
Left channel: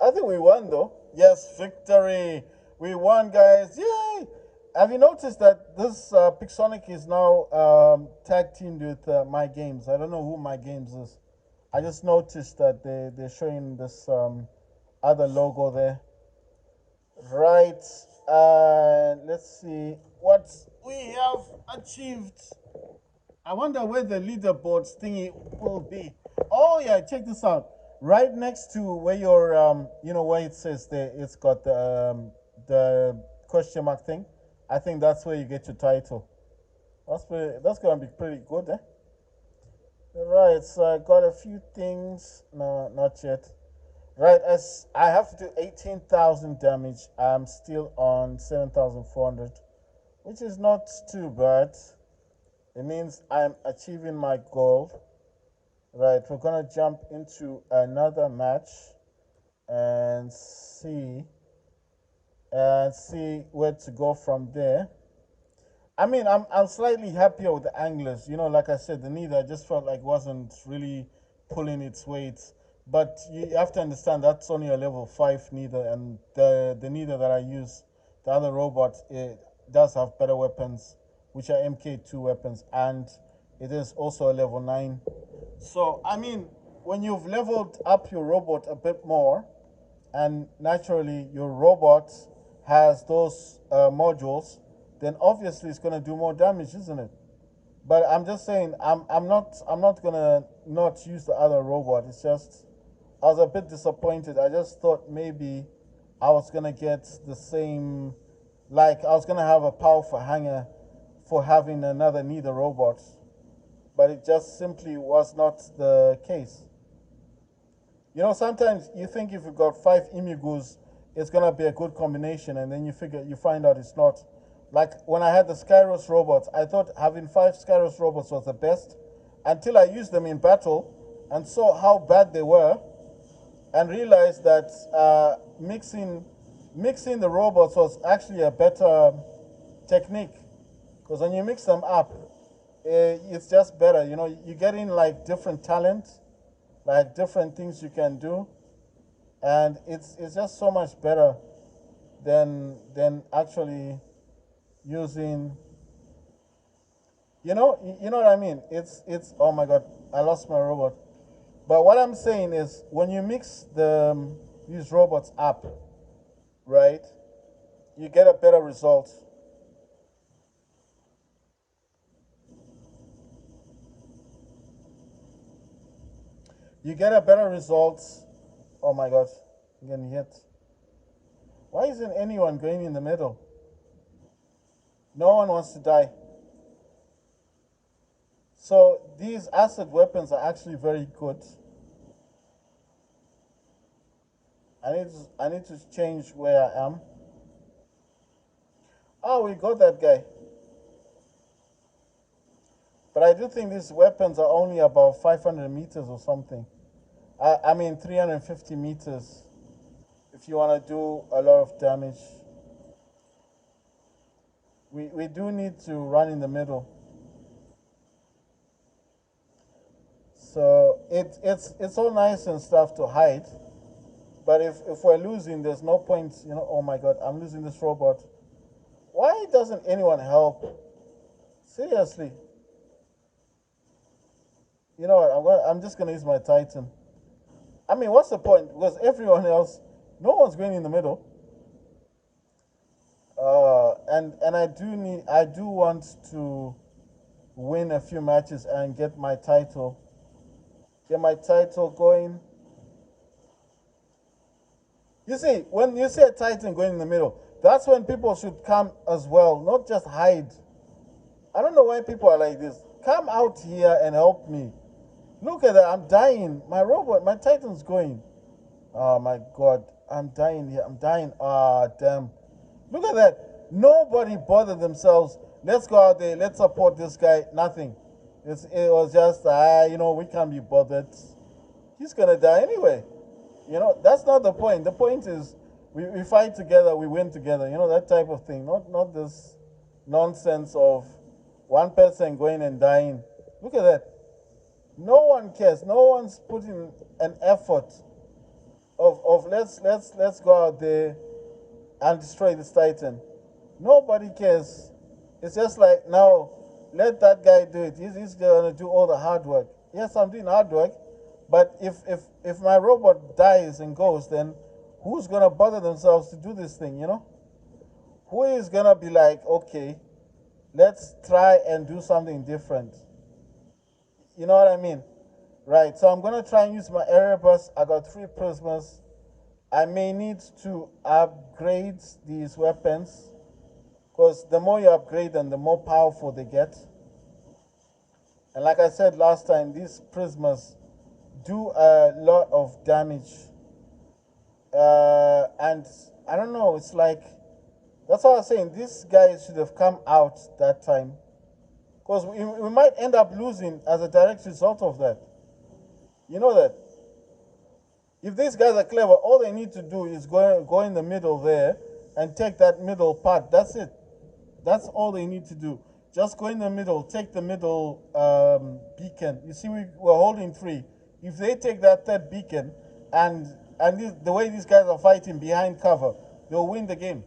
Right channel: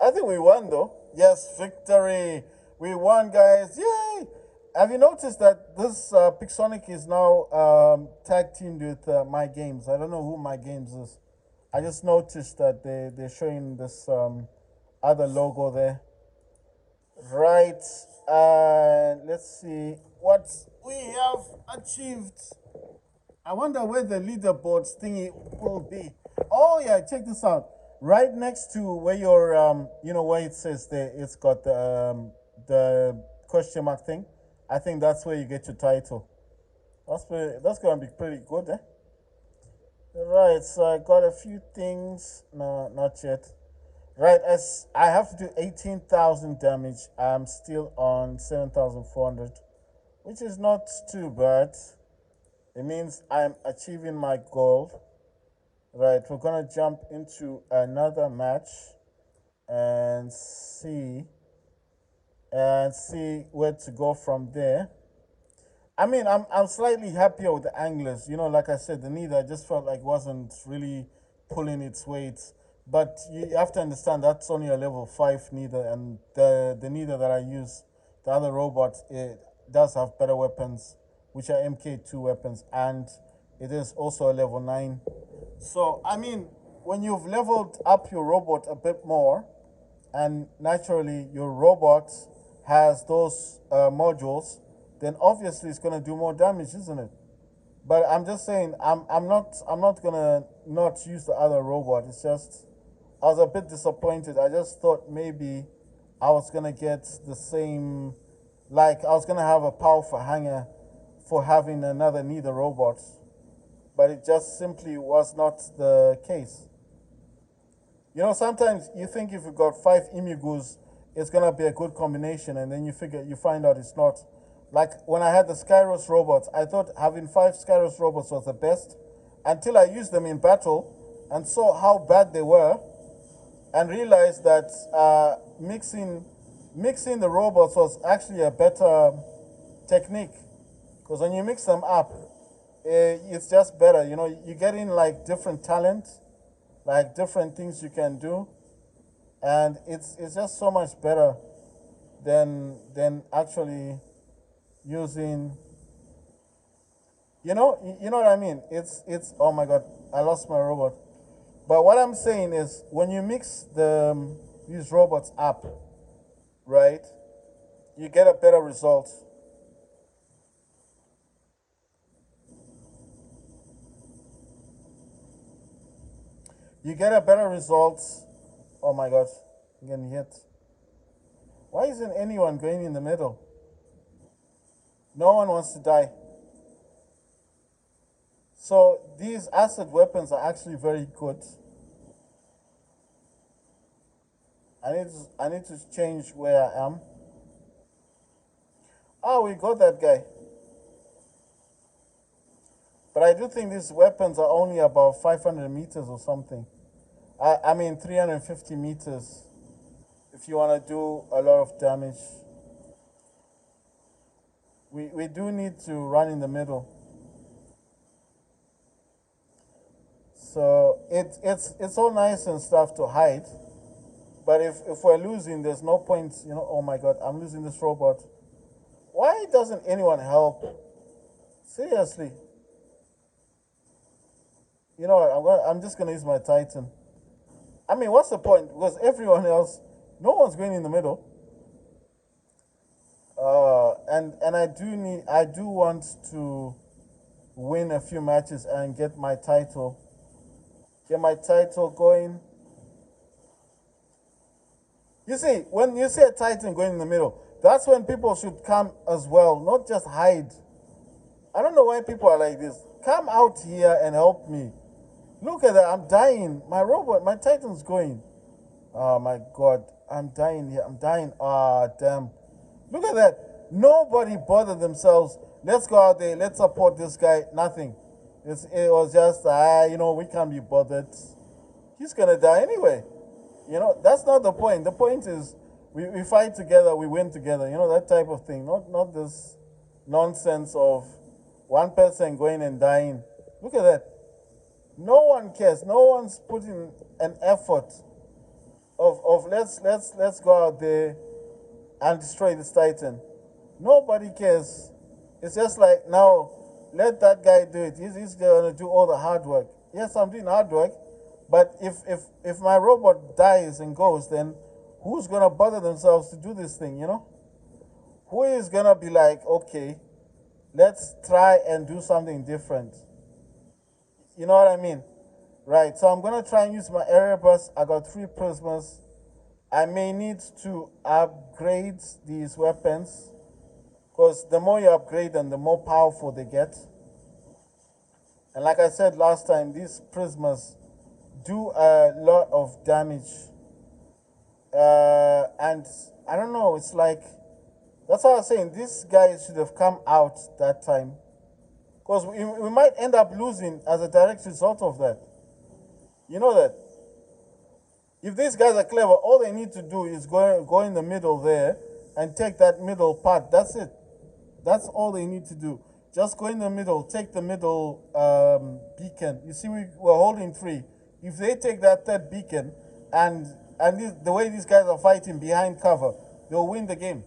I think we won though. Yes, victory. We won, guys. Yay! Have you noticed that this Pixonic is now tag teamed with My Games? I don't know who My Games is. I just noticed that they're showing this other logo there. Right. Let's see what we have achieved. I wonder where the leaderboard thingy will be. Oh yeah, check this out. Right next to where your where it says there, it's got the question mark thing. I think that's where you get your title. That's gonna be pretty good, eh? Right, so I got a few things. No, not yet. Right, as I have to do 18,000 damage, I'm still on 7,400, which is not too bad. It means I'm achieving my goal. Right, we're gonna jump into another match and see where to go from there. I mean, I'm slightly happier with the anglers. You know, like I said, the Neither I just felt like wasn't really pulling its weight. But you have to understand that's only a level 5 Neither, and the Neither that I use, the other robot, it does have better weapons, which are MK2 weapons, and it is also a level 9. So, I mean, when you've leveled up your robot a bit more, and naturally your robot has those modules, then obviously it's going to do more damage, isn't it? But I'm just saying, I'm not gonna not use the other robot. It's just I was a bit disappointed. I just thought maybe I was gonna get the same, like I was gonna have a powerful hanger for having another Neither robot, but it just simply was not the case. You know, sometimes you think if you got five Imigus, it's gonna be a good combination, and then you find out it's not. Like when I had the Skyros robots, I thought having five Skyros robots was the best, until I used them in battle and saw how bad they were, and realized that mixing the robots was actually a better technique, because when you mix them up, it's just better. You know, you get in like different talents, like different things you can do, and it's just so much better than actually using. You know what I mean. It's oh my god, I lost my robot. But what I'm saying is, when you mix these robots up, right, you get a better result. You get a better result. Oh my god, I'm getting hit. Why isn't anyone going in the middle? No one wants to die. So these acid weapons are actually very good. I need to change where I am. Oh, we got that guy. But I do think these weapons are only about 500 meters or something. I mean 350 meters if you want to do a lot of damage. We do need to run in the middle. So it's all nice and stuff to hide. But if we're losing, there's no point, oh my god, I'm losing this robot. Why doesn't anyone help? Seriously. You know what, I'm just gonna use my Titan. I mean, what's the point? Because everyone else, no one's going in the middle. And I do want to win a few matches and get my title. Get my title going. You see, when you see a Titan going in the middle, that's when people should come as well, not just hide. I don't know why people are like this. Come out here and help me. Look at that, I'm dying. My robot, my Titan's going. Oh my god, I'm dying here. I'm dying. Ah, damn. Look at that. Nobody bothered themselves. Let's go out there. Let's support this guy. Nothing. It was just, we can't be bothered. He's gonna die anyway. That's not the point. The point is we fight together, we win together. That type of thing. Not this nonsense of one person going and dying. Look at that. No one cares. No one's putting an effort of let's go out there and destroy this Titan. Nobody cares. It's just like, now let that guy do it. He's gonna do all the hard work. Yes, I'm doing hard work, but if my robot dies and goes, then who's gonna bother themselves to do this thing? Who is gonna be like, okay, let's try and do something different? You know what I mean? Right, so I'm gonna try and use my Erebus. I got 3 prismas. I may need to upgrade these weapons, because the more you upgrade them, the more powerful they get. And like I said last time, these prismas do a lot of damage. And I don't know, it's like, that's what I was saying, these guys should have come out that time. Because we might end up losing as a direct result of that. You know that? If these guys are clever, all they need to do is go in the middle there and take that middle part. That's it. That's all they need to do. Just go in the middle, take the middle beacon. You see, we're holding 3. If they take that third beacon, and the way these guys are fighting behind cover, they'll win the game.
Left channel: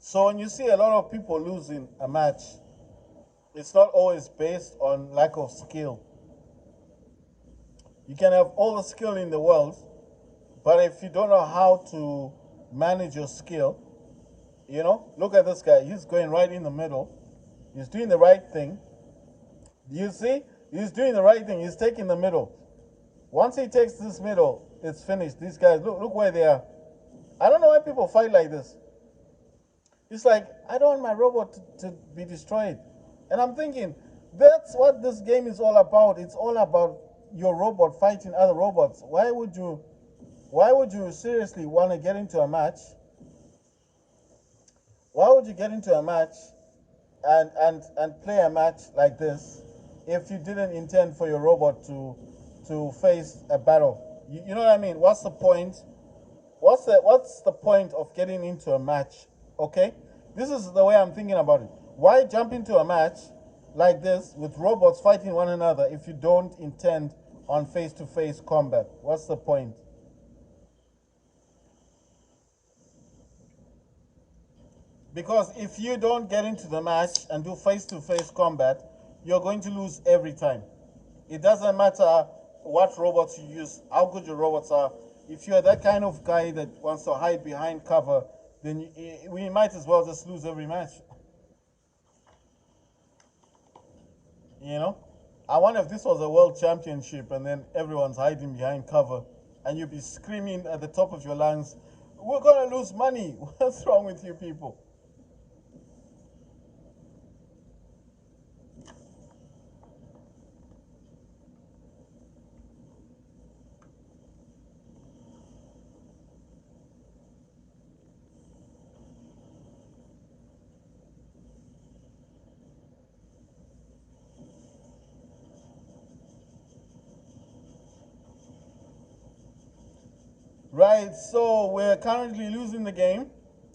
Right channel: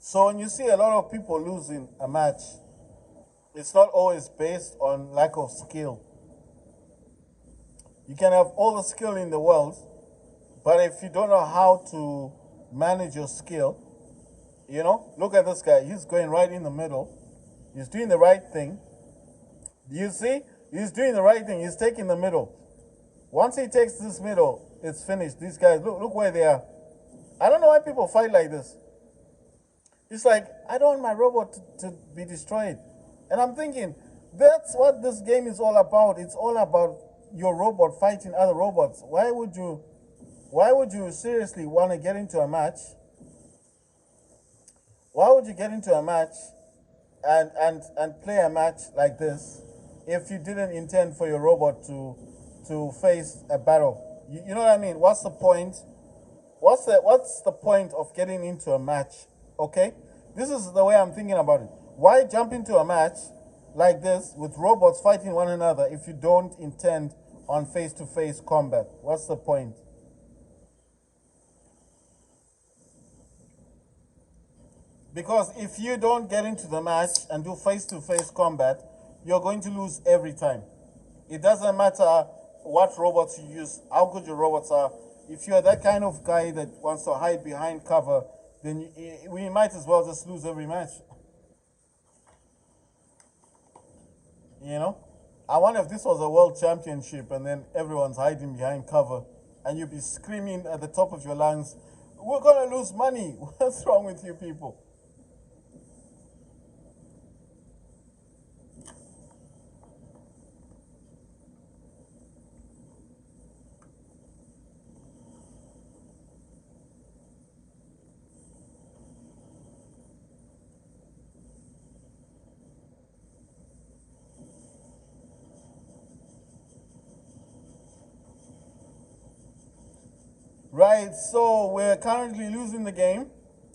So when you see a lot of people losing a match, it's not always based on lack of skill. You can have all the skill in the world, but if you don't know how to manage your skill. You know, look at this guy. He's going right in the middle. He's doing the right thing. You see? He's doing the right thing. He's taking the middle. Once he takes this middle, it's finished. These guys, look where they are. I don't know why people fight like this. It's like, I don't want my robot to be destroyed. And I'm thinking, that's what this game is all about. It's all about your robot fighting other robots. Why would you seriously want to get into a match? Why would you get into a match and play a match like this if you didn't intend for your robot to face a battle? You know what I mean? What's the point? What's the point of getting into a match? Okay? This is the way I'm thinking about it. Why jump into a match like this with robots fighting one another if you don't intend on face-to-face combat? What's the point? Because if you don't get into the match and do face-to-face combat, you're going to lose every time. It doesn't matter what robots you use, how good your robots are. If you're that kind of guy that wants to hide behind cover, then we might as well just lose every match. You know? I wonder if this was a world championship and then everyone's hiding behind cover and you'd be screaming at the top of your lungs, we're going to lose money. What's wrong with you people? Right, so we're currently losing the game,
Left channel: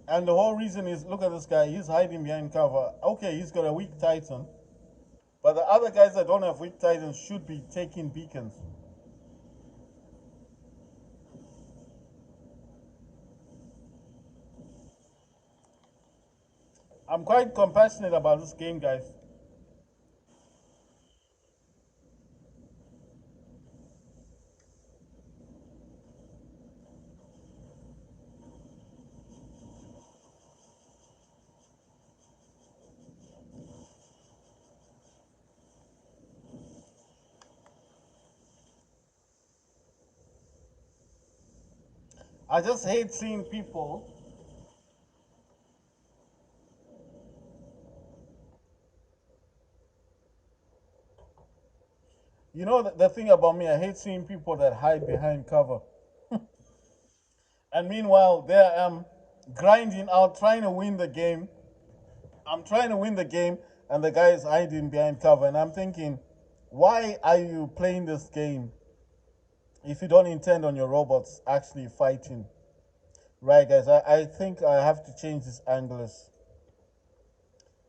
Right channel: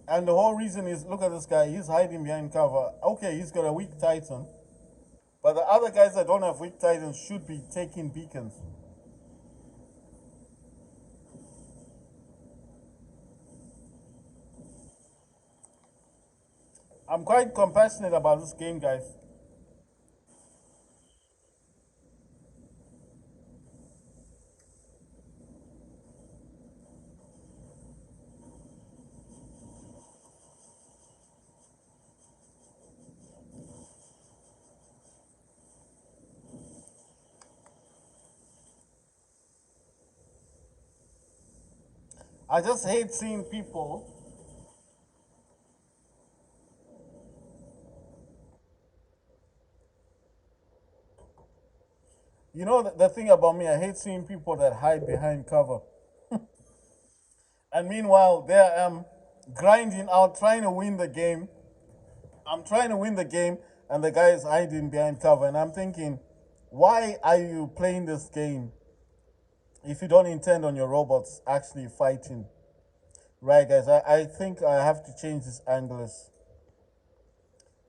and the whole reason is look at this guy, he's hiding behind cover. Okay, he's got a weak Titan, but the other guys that don't have weak Titans should be taking beacons. I'm quite compassionate about this game, guys. I just hate seeing people. You know the thing about me, I hate seeing people that hide behind cover. And meanwhile, there I am grinding out, trying to win the game. I'm trying to win the game, and the guy is hiding behind cover. And I'm thinking, why are you playing this game if you don't intend on your robots actually fighting? Right, guys, I think I have to change this anglers.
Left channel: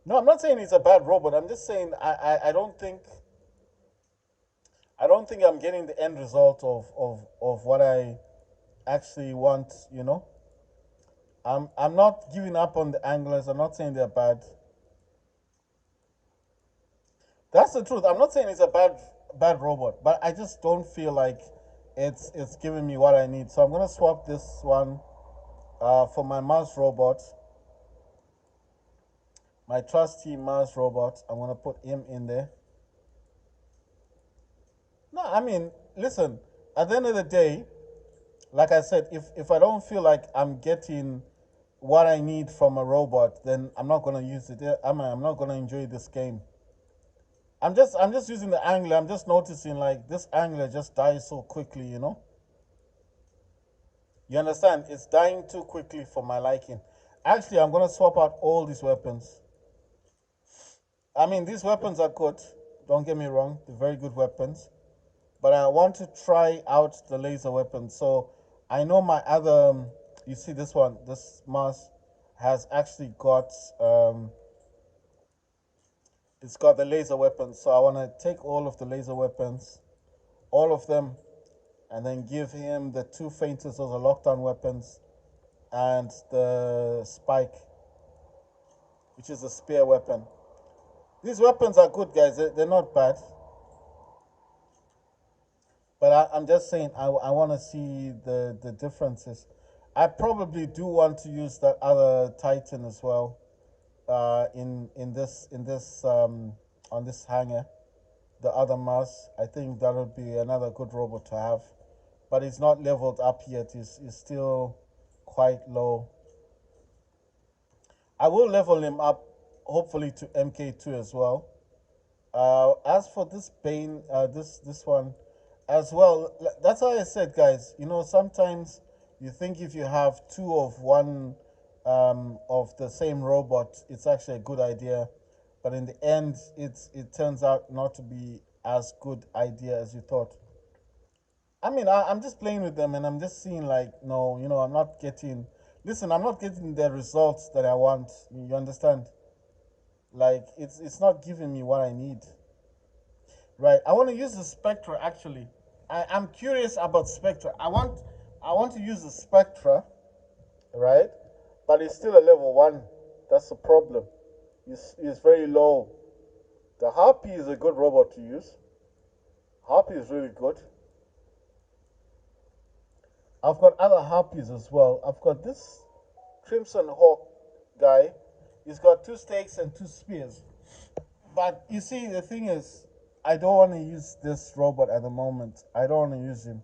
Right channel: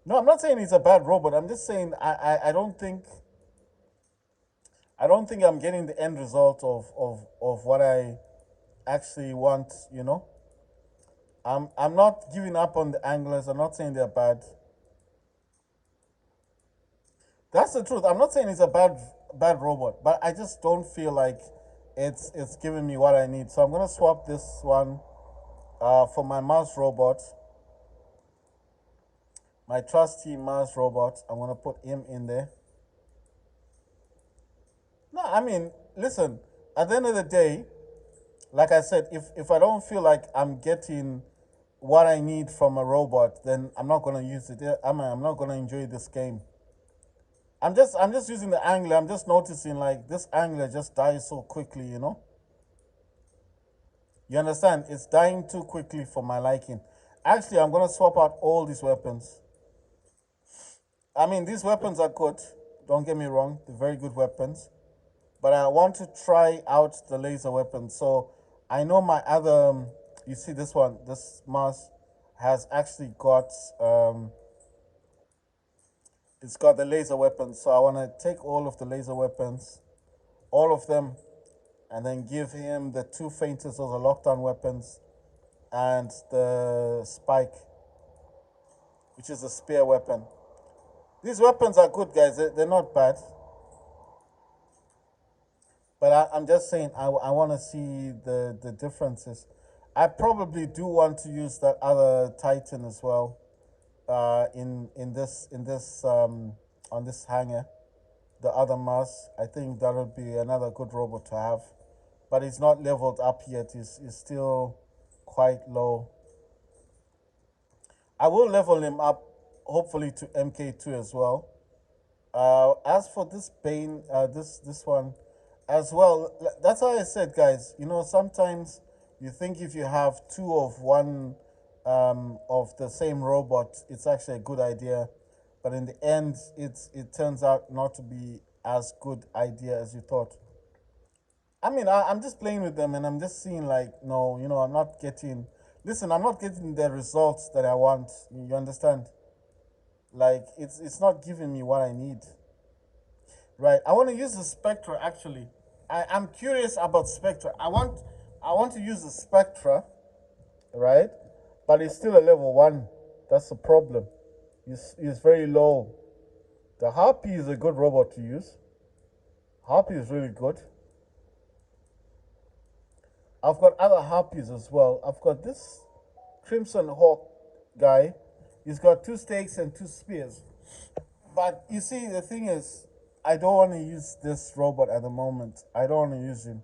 No, I'm not saying it's a bad robot. I'm just saying I don't think I'm getting the end result of what I actually want, you know? I'm not giving up on the anglers. I'm not saying they're bad. That's the truth. I'm not saying it's a bad robot, but I just don't feel like it's giving me what I need. So I'm gonna swap this one for my Mars robot, my trusty Mars robot. I'm gonna put him in there. No, I mean, listen. At the end of the day, like I said, if I don't feel like I'm getting what I need from a robot, then I'm not gonna use it. I'm not gonna enjoy this game. I'm just using the angler. I'm just noticing like this angler just dies so quickly. You understand? It's dying too quickly for my liking. Actually, I'm gonna swap out all these weapons. I mean, these weapons are good. Don't get me wrong; they're very good weapons. But I want to try out the laser weapon. So I know my other, you see this one, this Mars has actually got, it's got the laser weapons. So I want to take all of the laser weapons, all of them, and then give him the two faintest, those are lockdown weapons, and the spike, which is a spear weapon. These weapons are good, guys. They're not bad. But I'm just saying, I want to see the differences. I probably do want to use that other Titan as well. In this on this hanger, the other Mars. I think that would be another good robot to have, but he's not leveled up yet. He's still quite low. I will level him up, hopefully to MK2 as well. As for this Bane, this one as well. That's why I said, guys. You know, sometimes you think if you have two of one of the same robot, it's actually a good idea, but in the end, it turns out not to be as good idea as you thought. I mean, I'm just playing with them and I'm just seeing like, no, you know, I'm not getting. Listen, I'm not getting the results that I want. You understand? Like, it's not giving me what I need. Right. I want to use the Spectra actually. I'm curious about Spectra. I want to use the Spectra, right? But it's still a level one. That's the problem. It's very low. The Harpy is a good robot to use. Harpy is really good. I've got other Harpies as well. I've got this Crimson Hawk guy. He's got two stakes and two spears. But you see, the thing is, I don't want to use this robot at the moment. I don't want to use him.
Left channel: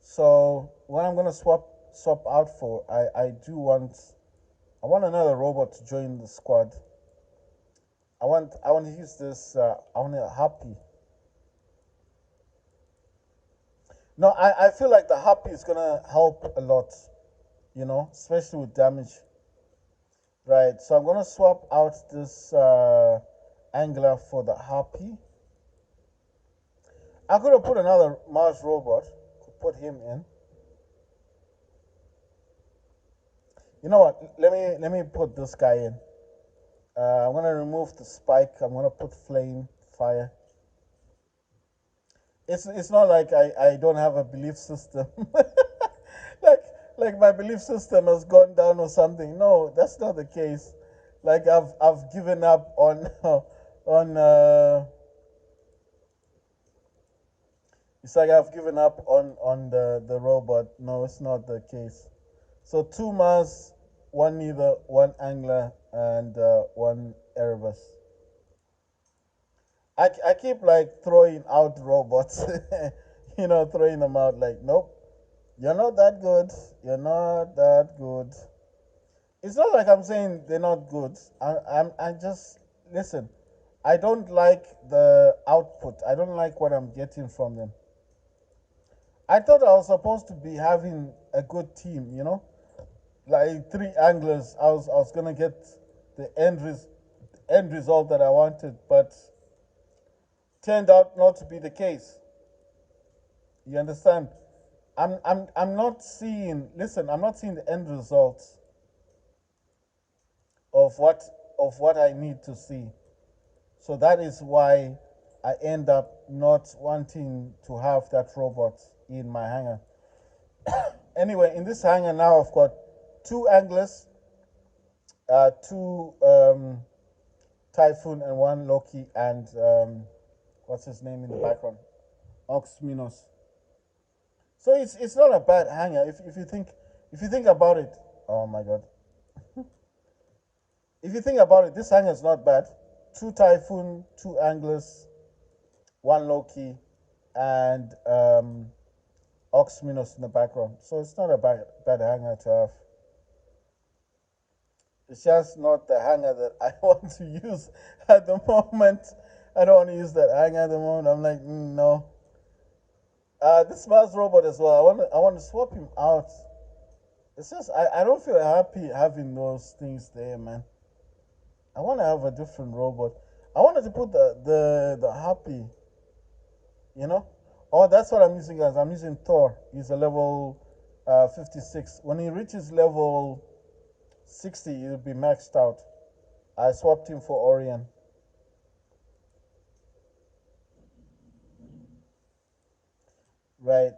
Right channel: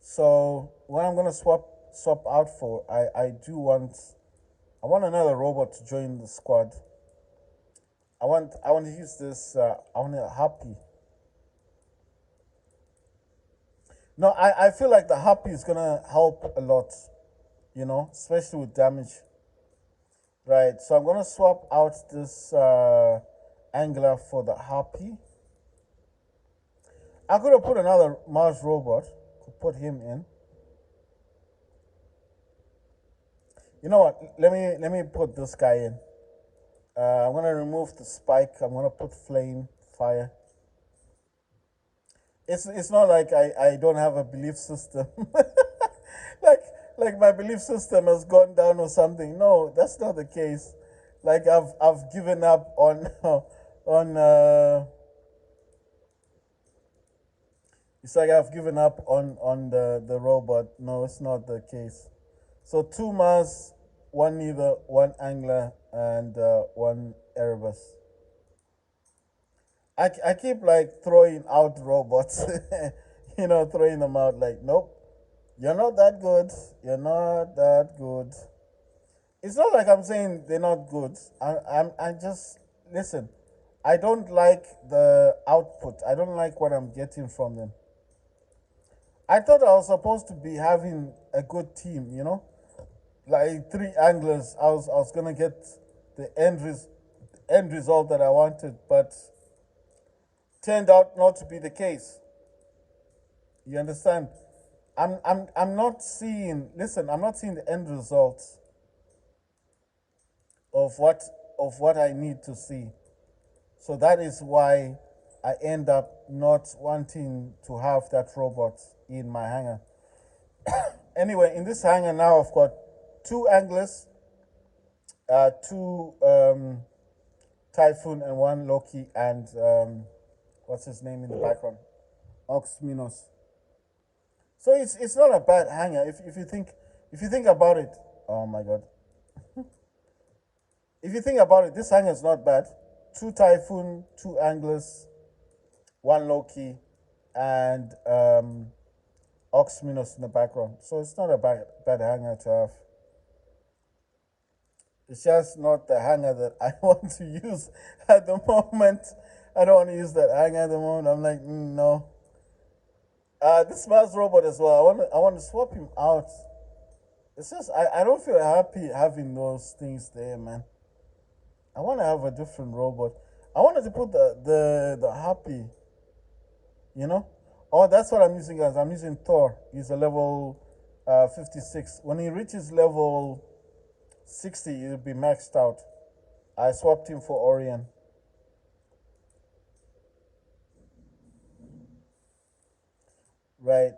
So what I'm gonna swap out for, I want another robot to join the squad. I want to use this. I want a Happy. No, I feel like the Happy is gonna help a lot. You know, especially with damage. Right. So I'm gonna swap out this Angler for the Happy. I could have put another Mars robot to put him in. You know what? Let me put this guy in. I'm gonna remove the spike. I'm gonna put flame, fire. It's not like I don't have a belief system. like like my belief system has gone down or something. No, that's not the case. Like I've given up on on it's like I've given up on the robot. No, it's not the case. So two Mars, one Neither, one Angler, and one Erebus. I keep like throwing out robots, you know, throwing them out like, nope, you're not that good. You're not that good. It's not like I'm saying they're not good. I just listen. I don't like the output. I don't like what I'm getting from them. I thought I was supposed to be having a good team, you know, like three anglers. I was gonna get the end result that I wanted, but turned out not to be the case. You understand? I'm not seeing. Listen, I'm not seeing the end result of what I need to see. So that is why I end up not wanting to have that robot in my hangar. Anyway, in this hangar now, I've got two anglers, two Typhoon, and one Loki, and what's his name in the background? Ox Minos. So it's not a bad hangar if you think about it. Oh my god. If you think about it, this hangar is not bad. Two Typhoon, two anglers, one Loki, and Ox Minos in the background. So it's not a bad hangar to have. It's just not the hanger that I want to use at the moment. I don't want to use that hanger at the moment. I'm like, no. This Mars robot as well. I want to swap him out. It's just I don't feel happy having those things there, man. I want to have a different robot. I wanted to put the Happy, you know. Oh, that's what I'm using, guys. I'm using Thor. He's a level 56. When he reaches level 60, he'll be maxed out. I swapped him for Orion. Right.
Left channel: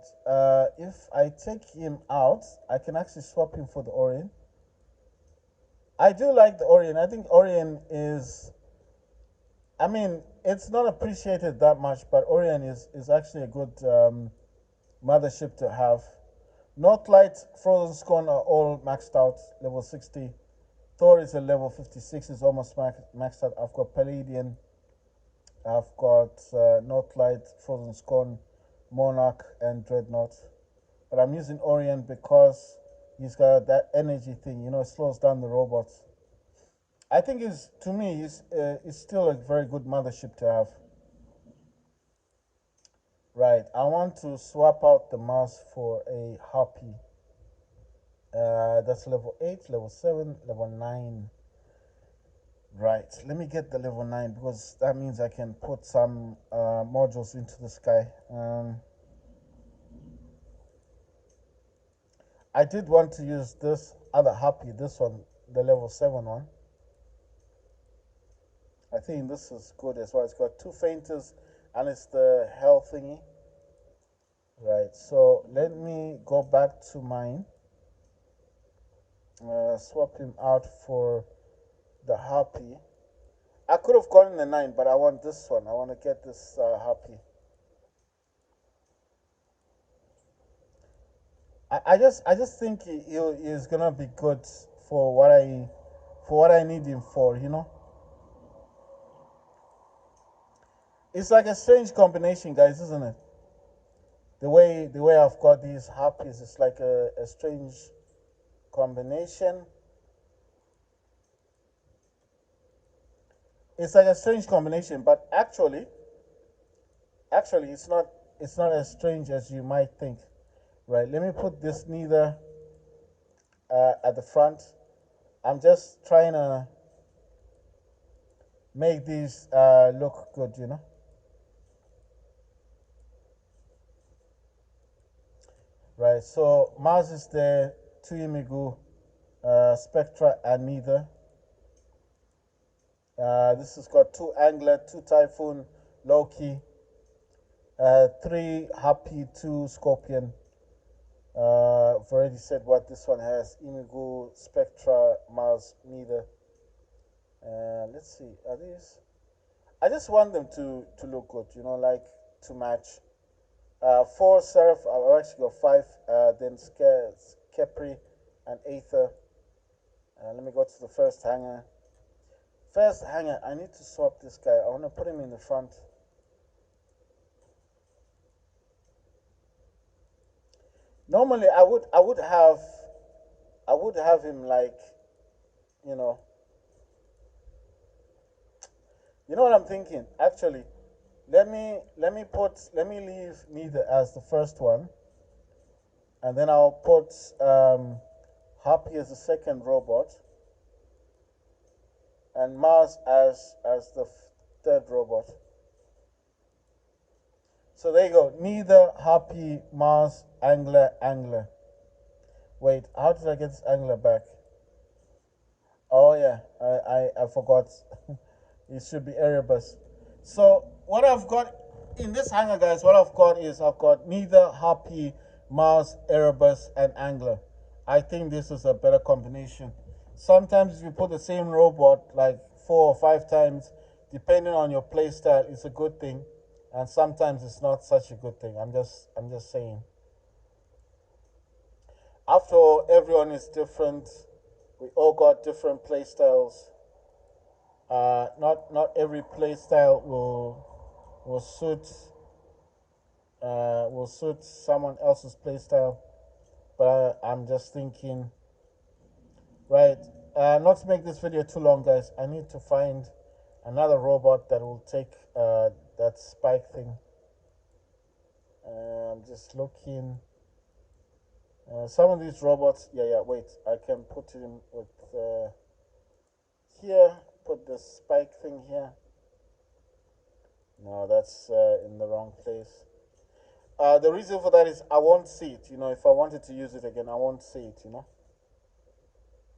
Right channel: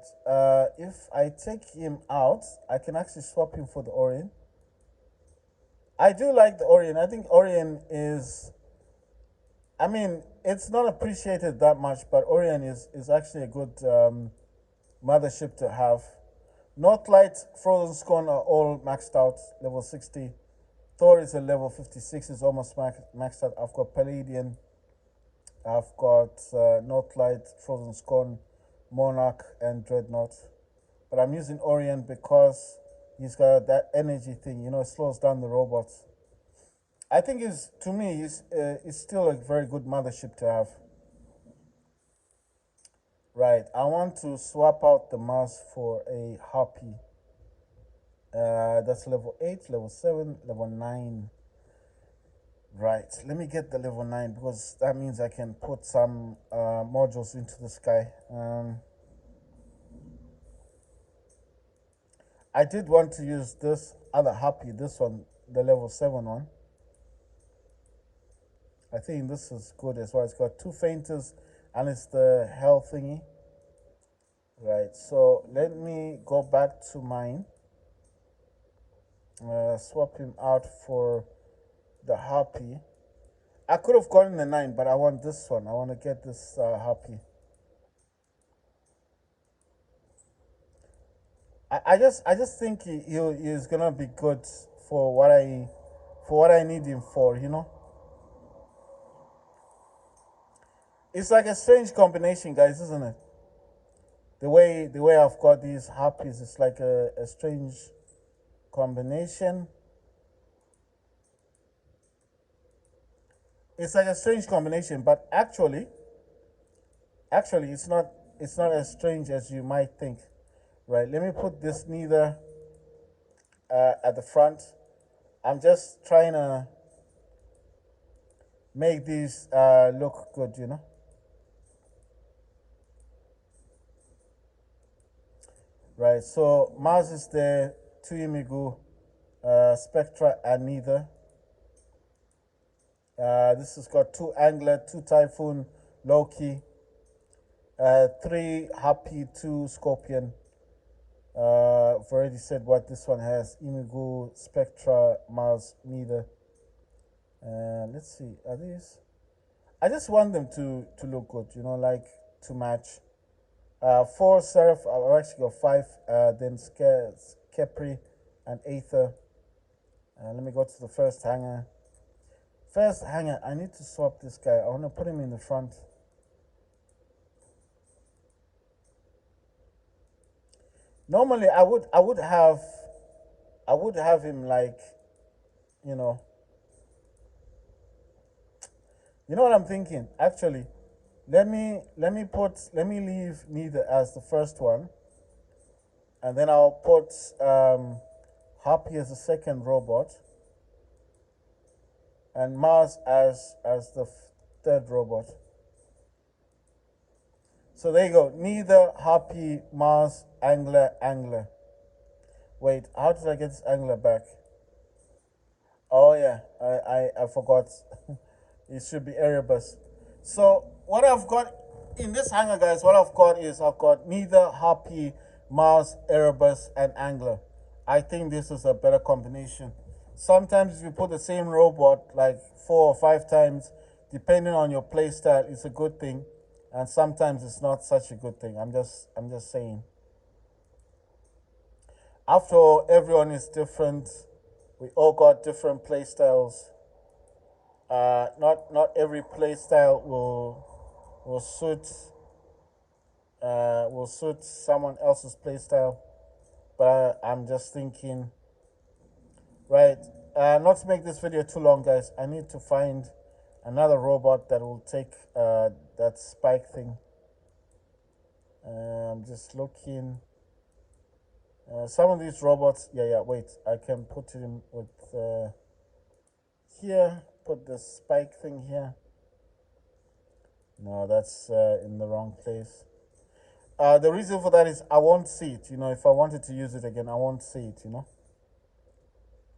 If I take him out, I can actually swap him for the Orion. I do like the Orion. I think Orion is. I mean, it's not appreciated that much, but Orion is actually a good mothership to have. Northlight, Frozen Scone are all maxed out, level 60. Thor is a level 56, is almost maxed out. I've got Palladian, I've got Northlight, Frozen Scone, Monarch, and Dreadnought. But I'm using Orient because he's got that energy thing, it slows down the robots. I think is to me is still a very good mothership to have. Right, I want to swap out the Mars for a Harpy. That's level 8, level 7, level 9. Right, let me get the level 9 because that means I can put some modules into the sky. I did want to use this other Harpy, this one, the level 7 one. I think this is good as well. It's got 2 fainters and it's the hell thingy. Right, so let me go back to mine. Swap him out for the Harpy. I could have gotten the 9, but I want this one. I want to get this Harpy. I just think he is gonna be good for what I need him for. It's like a strange combination, guys, isn't it? The way I've got these Harpies, it's like a strange combination. It's like a strange combination, but actually it's not as strange as you might think. Right, let me put this neither at the front. I'm just trying to make these look good. Right, so Mars is there, two Imigu, Spectra, and neither. This has got two Angler, two Typhoon, Loki, three Happy, two Scorpion. I've already said what this one has: Imigu, Spectra, Mars, neither. Let's see, are these? I just want them to look good, like to match. Four Seraph, I've actually got five. Then Kepri and Aether. Let me go to the first hanger. First hanger, I need to swap this guy. I want to put him in the front. Normally, I would have him like, you know, what I'm thinking. Actually, let me leave neither as the first one, and then I'll put Happy as the second robot, and Mars as the third robot. So there you go. Neither, Happy, Mars, Angler, Angler. Wait, how did I get this Angler back? Oh yeah, I forgot. It should be Erebus. So what I've got in this hanger, guys, what I've got is I've got neither, Happy, Mars, Erebus, and Angler. I think this is a better combination. Sometimes if you put the same robot like 4 or 5 times, depending on your playstyle, it's a good thing, and sometimes it's not such a good thing. I'm just saying. After all, everyone is different. We all got different playstyles. Not every playstyle will suit someone else's playstyle. But I'm just thinking, right? Not to make this video too long, guys. I need to find another robot that will take that spike thing. I'm just looking. Some of these robots, yeah. Wait, I can put it in with here. Put the spike thing here. No, that's in the wrong place. The reason for that is I won't see it. If I wanted to use it again, I won't see it.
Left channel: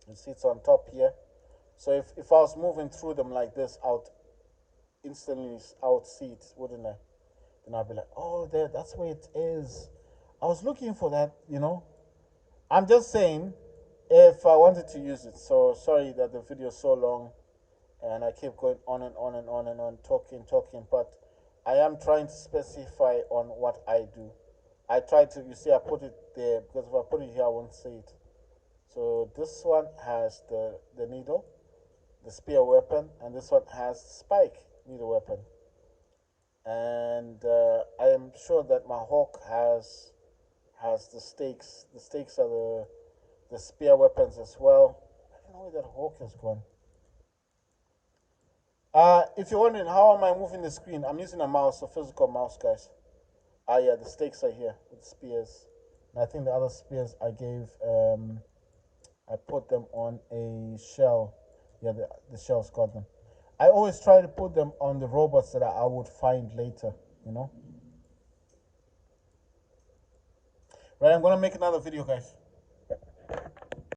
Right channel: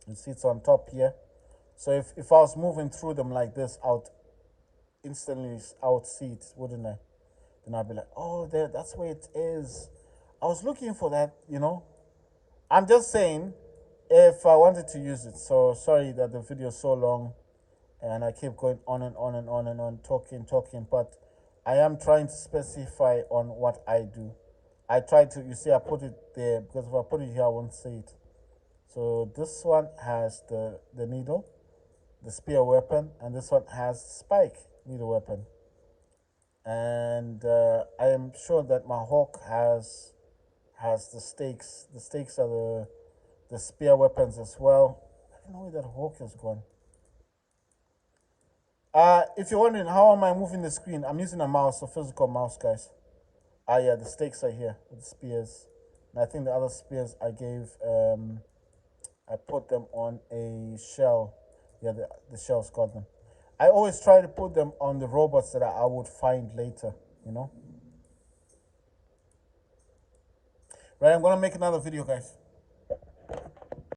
It sits on top here. So if I was moving through them like this, instantly I would see it, wouldn't I? Then I'd be like, oh, that's where it is. I was looking for that. I'm just saying, if I wanted to use it. So sorry that the video is so long, and I keep going on and on and on and on, talking, but I am trying to specify on what I do. I tried to, you see, I put it there because if I put it here, I won't see it. So this one has the needle, the spear weapon, and this one has spike needle weapon. And I am sure that my hawk has the stakes. The stakes are the spear weapons as well. I don't know where that hawk has gone. If you're wondering how am I moving the screen, I'm using a mouse, a physical mouse, guys. Yeah, the stakes are here with the spears. And I think the other spears I gave, I put them on a shell. Yeah, the shell's got them. I always try to put them on the robots that I would find later, you know? Right, I'm gonna make another video, guys.